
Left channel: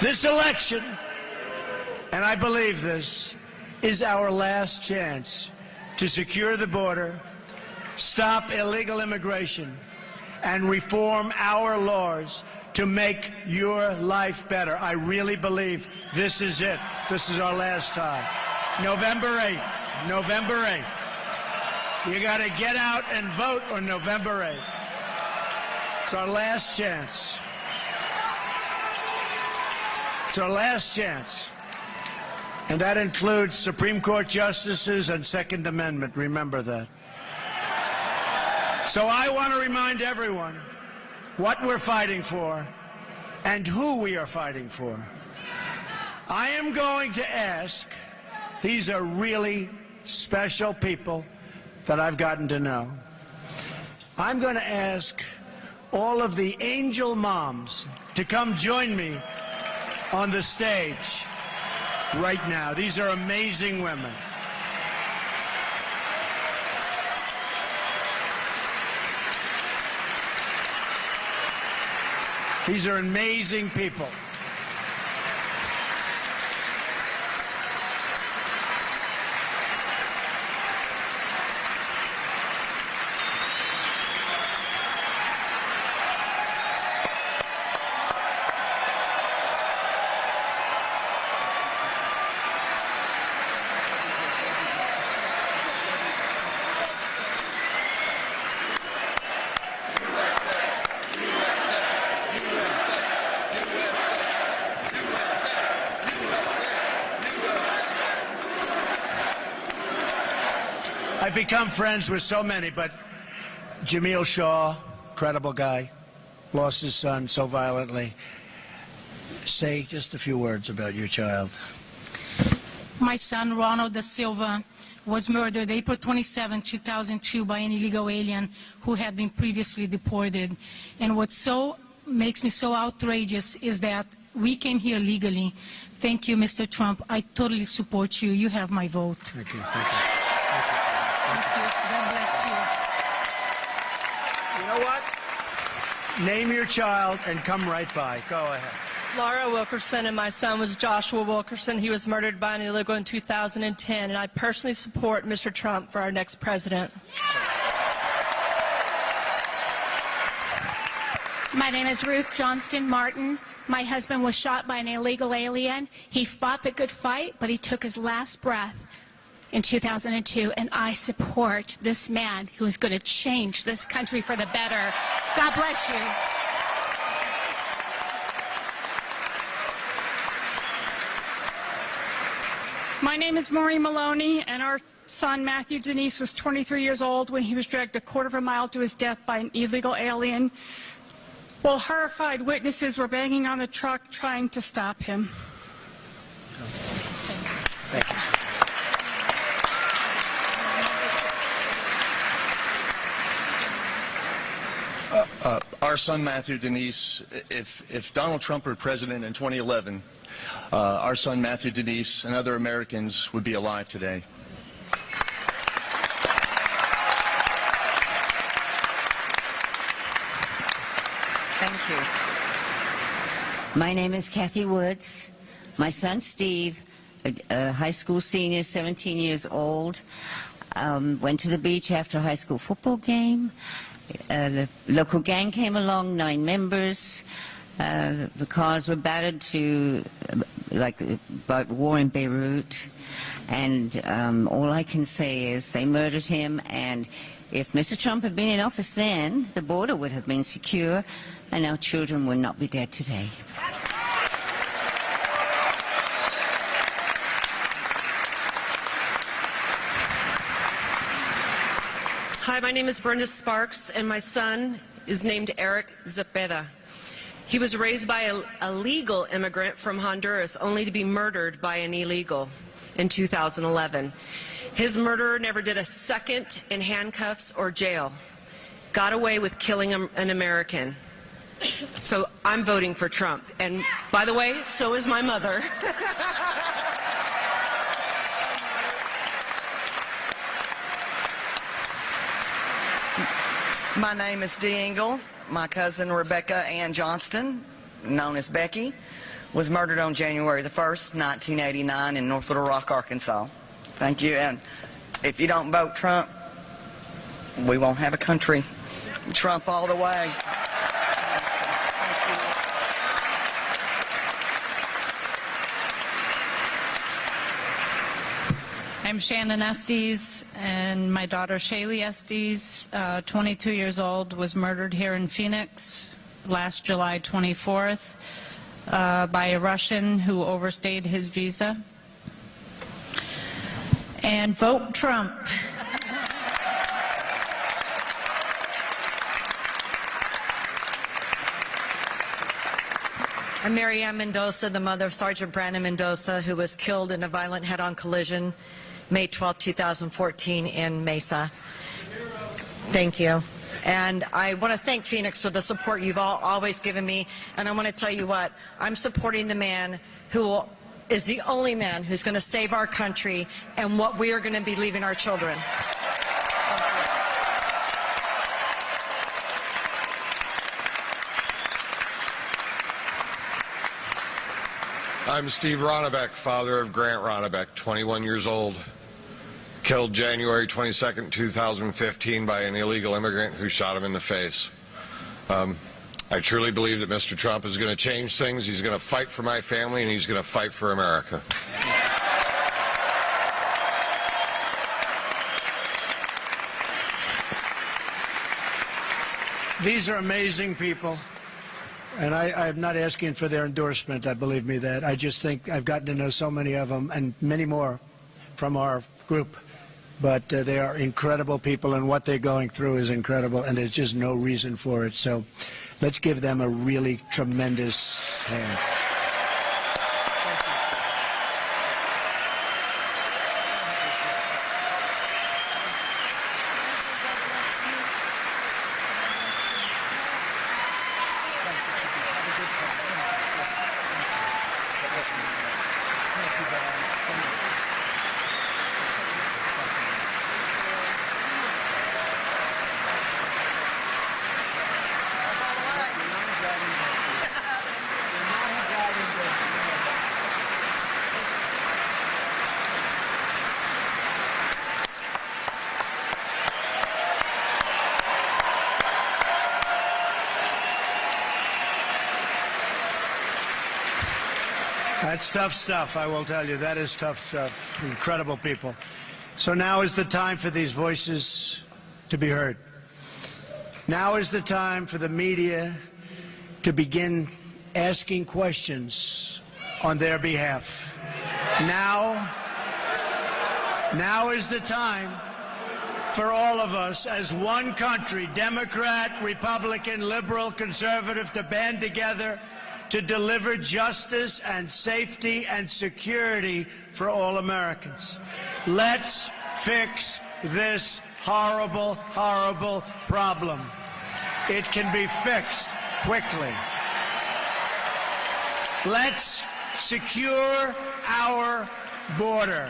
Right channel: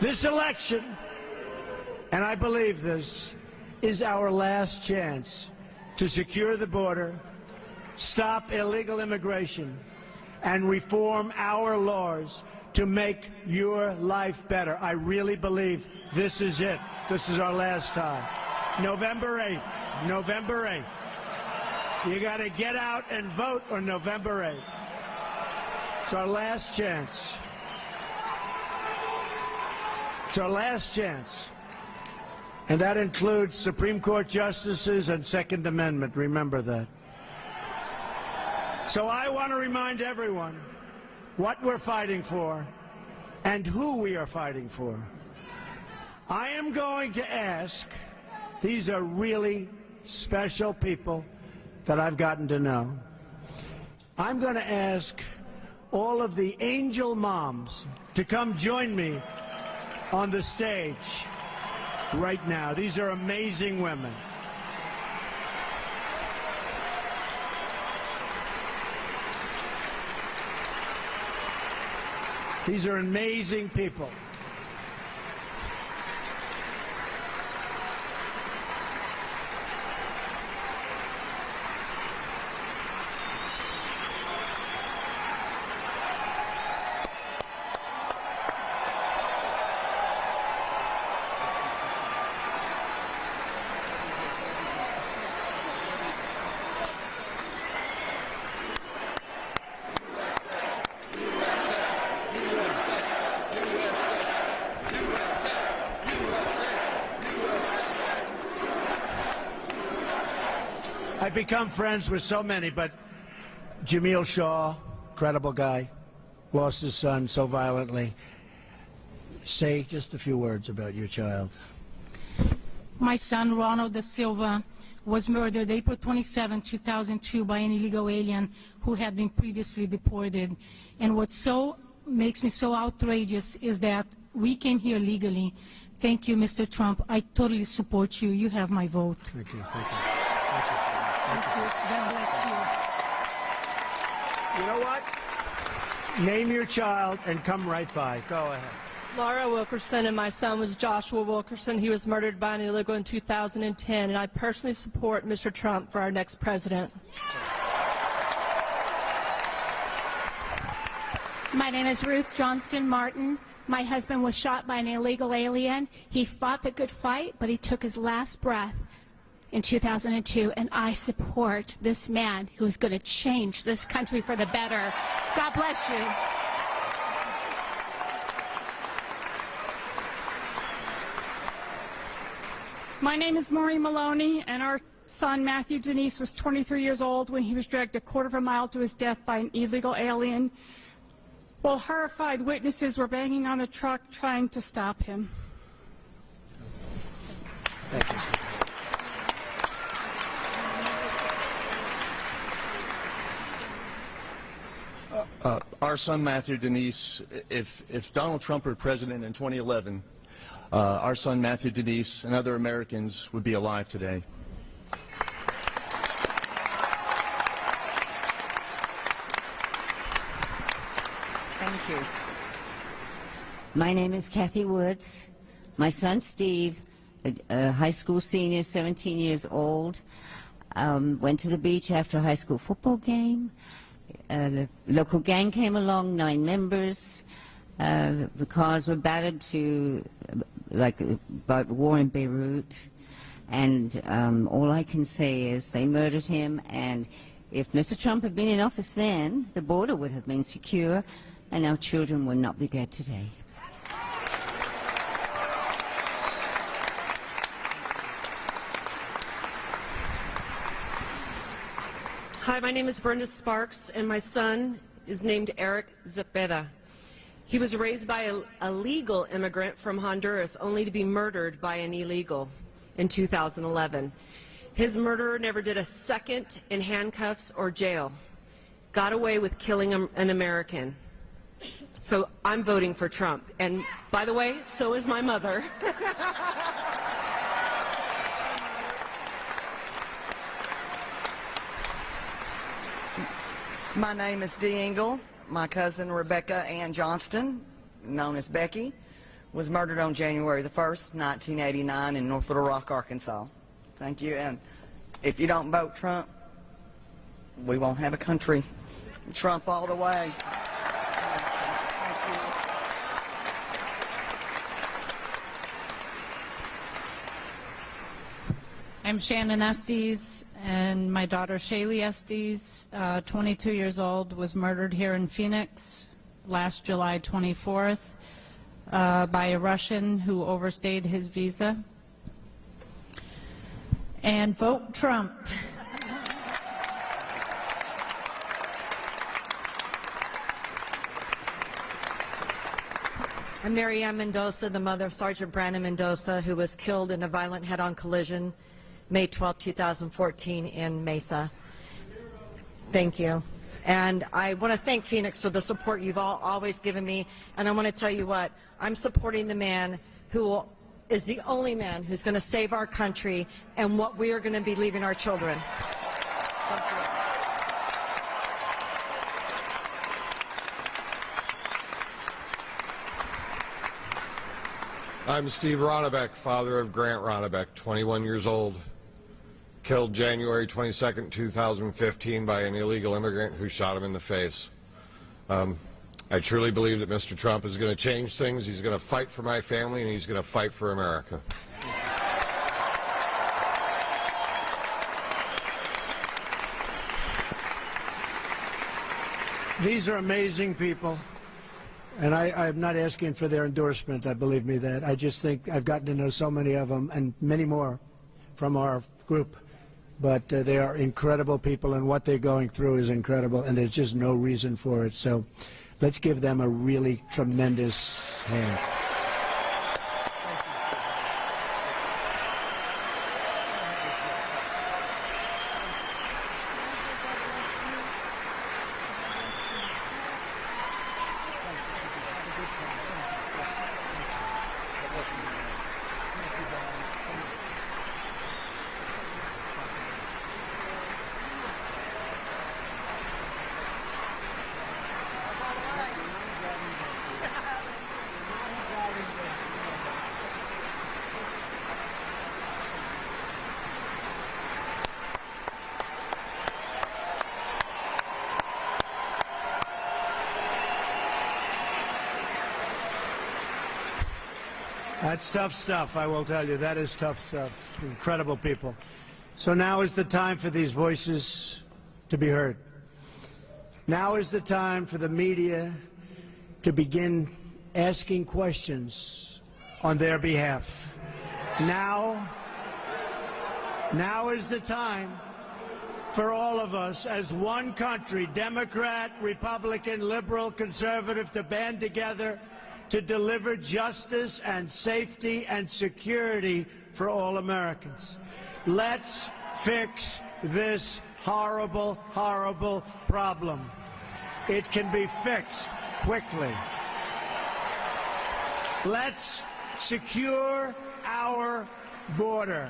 This election, and I believe this, is our last chance to secure the border, stop illegal immigration, and reform our laws to make your life better. I really believe this is it. This is our last time. November 8th. November 8th. You got to get out and vote on November 8th. It's our last chance. It's our last chance. And that includes Supreme Court justices and Second Amendment. Remember that. So I want to remind everyone what we're fighting for and who we are fighting for. I am going to ask, these are really special people that I've gotten to know. I'm going to ask all of the angel moms to come join me on the stage right now. These are amazing women. These are amazing people. I've become friends with so many, but Jamil Shaw, incredible guy, lost his son so violently. Say just a few words about your child. My son, Ronald da Silva, was murdered April 27, 2002 by an illegal alien who had been previously deported. And what makes me so outrageous is that we came here legally. Thank you, Mr. Trump. I totally support you. You have my vote. Thank you. Thank you. Thank you. God bless you. You know what? Name your child and come right by. Go ahead. Laura Wilkerson, and my son was Joshua Wilkerson. He was murdered by an illegal in 2010, and I personally support Mr. Trump for our next president. My name is Ruth Johnston Martin. My husband was shot by an illegal alien. He fought the good fight, but he took his last breath in 2002, and I support this man who is going to change this country for the better. God bless you. My name is Maureen Maloney, and our son, Matthew Denise, was 23 years old when he was dragged a quarter of a mile to his death by an illegal alien, while horrified witnesses were banging on the truck trying to stop him. Thank you. Our son, Matthew Denise, if Donald Trump were president in 2011, our son, Matthew Denise, and other Americans would be alive today. Thank you. My name is Kathy Woods. My son, Steve, a high school senior, 17 years old, went to the beach after a high school football game. The local gang came along, 9 members. The cars were battered to, about war in Beirut. And all I can say is they murdered him. And if Mr. Trump had been in office then, the border would have been secure, and our children would not be dead today. Hi, my name is Brenda Sparks, and my son is named Eric Zepeda. He was raised by a legal immigrant from Honduras, only to be murdered by an illegal in 2011. His murderer never did a second in handcuffs or jail. Got away with killing an American. So I'm voting for Trump. And by the way, so is my mother. My name is Dee Engle. My cousin Rebecca Ann Johnston, known as Becky, was murdered on January the 1st, 1989 in North Little Rock, Arkansas. Thank you. And if you don't vote Trump, we won't have a country. Trump all the way. I'm Shannon Estes, and my daughter Shaylee Estes, 22 years old, was murdered here in Phoenix last July 24th by a Russian who overstayed his visa. And vote Trump. I'm Mary Ann Mendoza, the mother of Sergeant Brandon Mendoza, who was killed in a violent head-on collision May 12, 2014 in Mesa. Thank you. And I want to thank Phoenix for the support you've always given me. And I want to tell you what, I'm supporting the man who is the only man who's going to save our country and what we are going to be leaving our children. I'm Steve Ronnebeck, father of Grant Ronnebeck, 21 years old, killed January 22nd, 2015 by an illegal immigrant who shot him in the face. I truly believe that Mr. Trump is going to change things. He's going to fight for my family, and he's going to fight for America. These are amazing people. And I'm not asking for their endorsement, believe me that. I just think I've gotten to know so many of them, and many more from our group. But they are incredible people, and what they're going through is incredible, and there's just no reason for it. So let's give them a really tremendous hand. That's tough stuff, I will tell you. That is tough stuff. Incredible people. So now is the time for these voices to be heard. Now is the time for the media to begin asking questions on their behalf. Now is the time for all of us as one country, Democrat, Republican, liberal, conservative, to band together to deliver justice and safety and security for all Americans. Let's fix this horrible, horrible problem. It can be fixed quickly. Let's secure our border.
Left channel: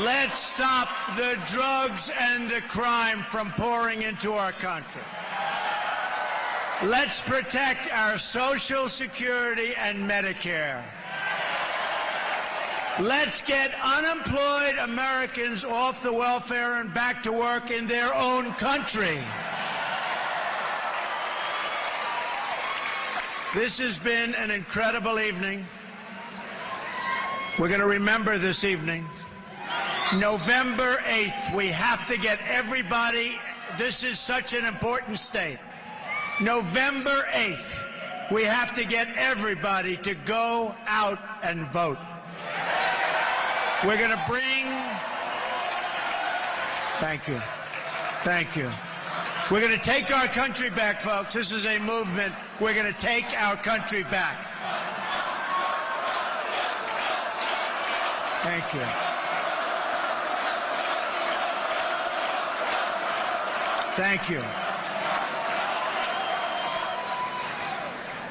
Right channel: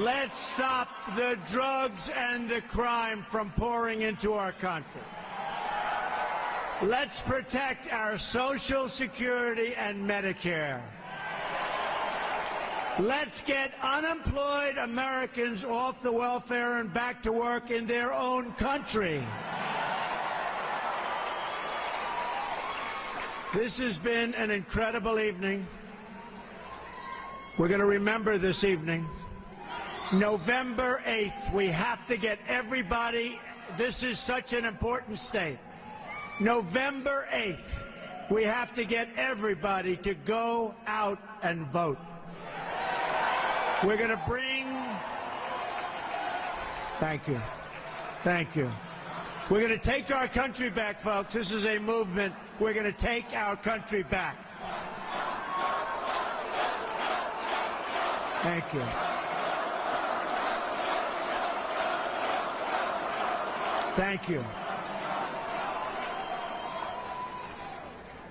Let's stop the drugs and the crime from pouring into our country. Let's protect our Social Security and Medicare. Let's get unemployed Americans off the welfare and back to work in their own country. This has been an incredible evening. We're going to remember this evening. November 8th, we have to get everybody, this is such an important state. November 8th, we have to get everybody to go out and vote. We're going to bring, thank you, thank you. We're going to take our country back, folks. This is a movement. We're going to take our country back. Thank you. Thank you.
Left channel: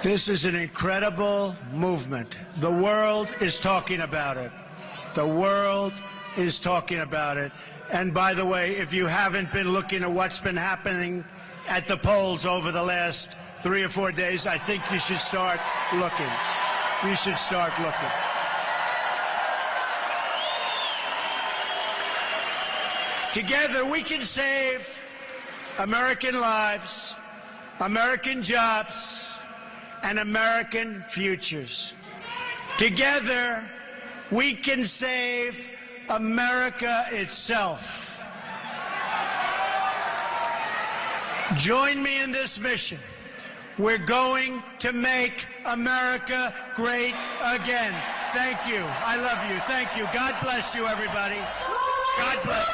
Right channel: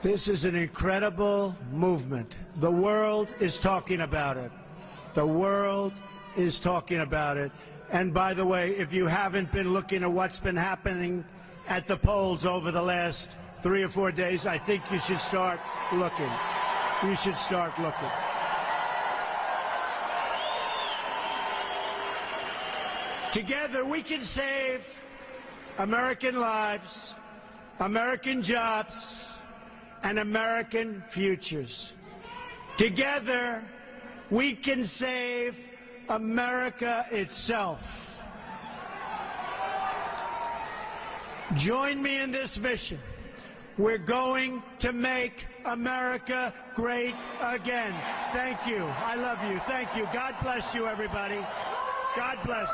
This is an incredible movement. The world is talking about it. The world is talking about it. And by the way, if you haven't been looking at what's been happening at the polls over the last 3 or 4 days, I think you should start looking. You should start looking. Together we can save American lives, American jobs, and American futures. Together, we can save America itself. Join me in this mission. We're going to make America great again. Thank you. I love you. Thank you. God bless you, everybody. God bless.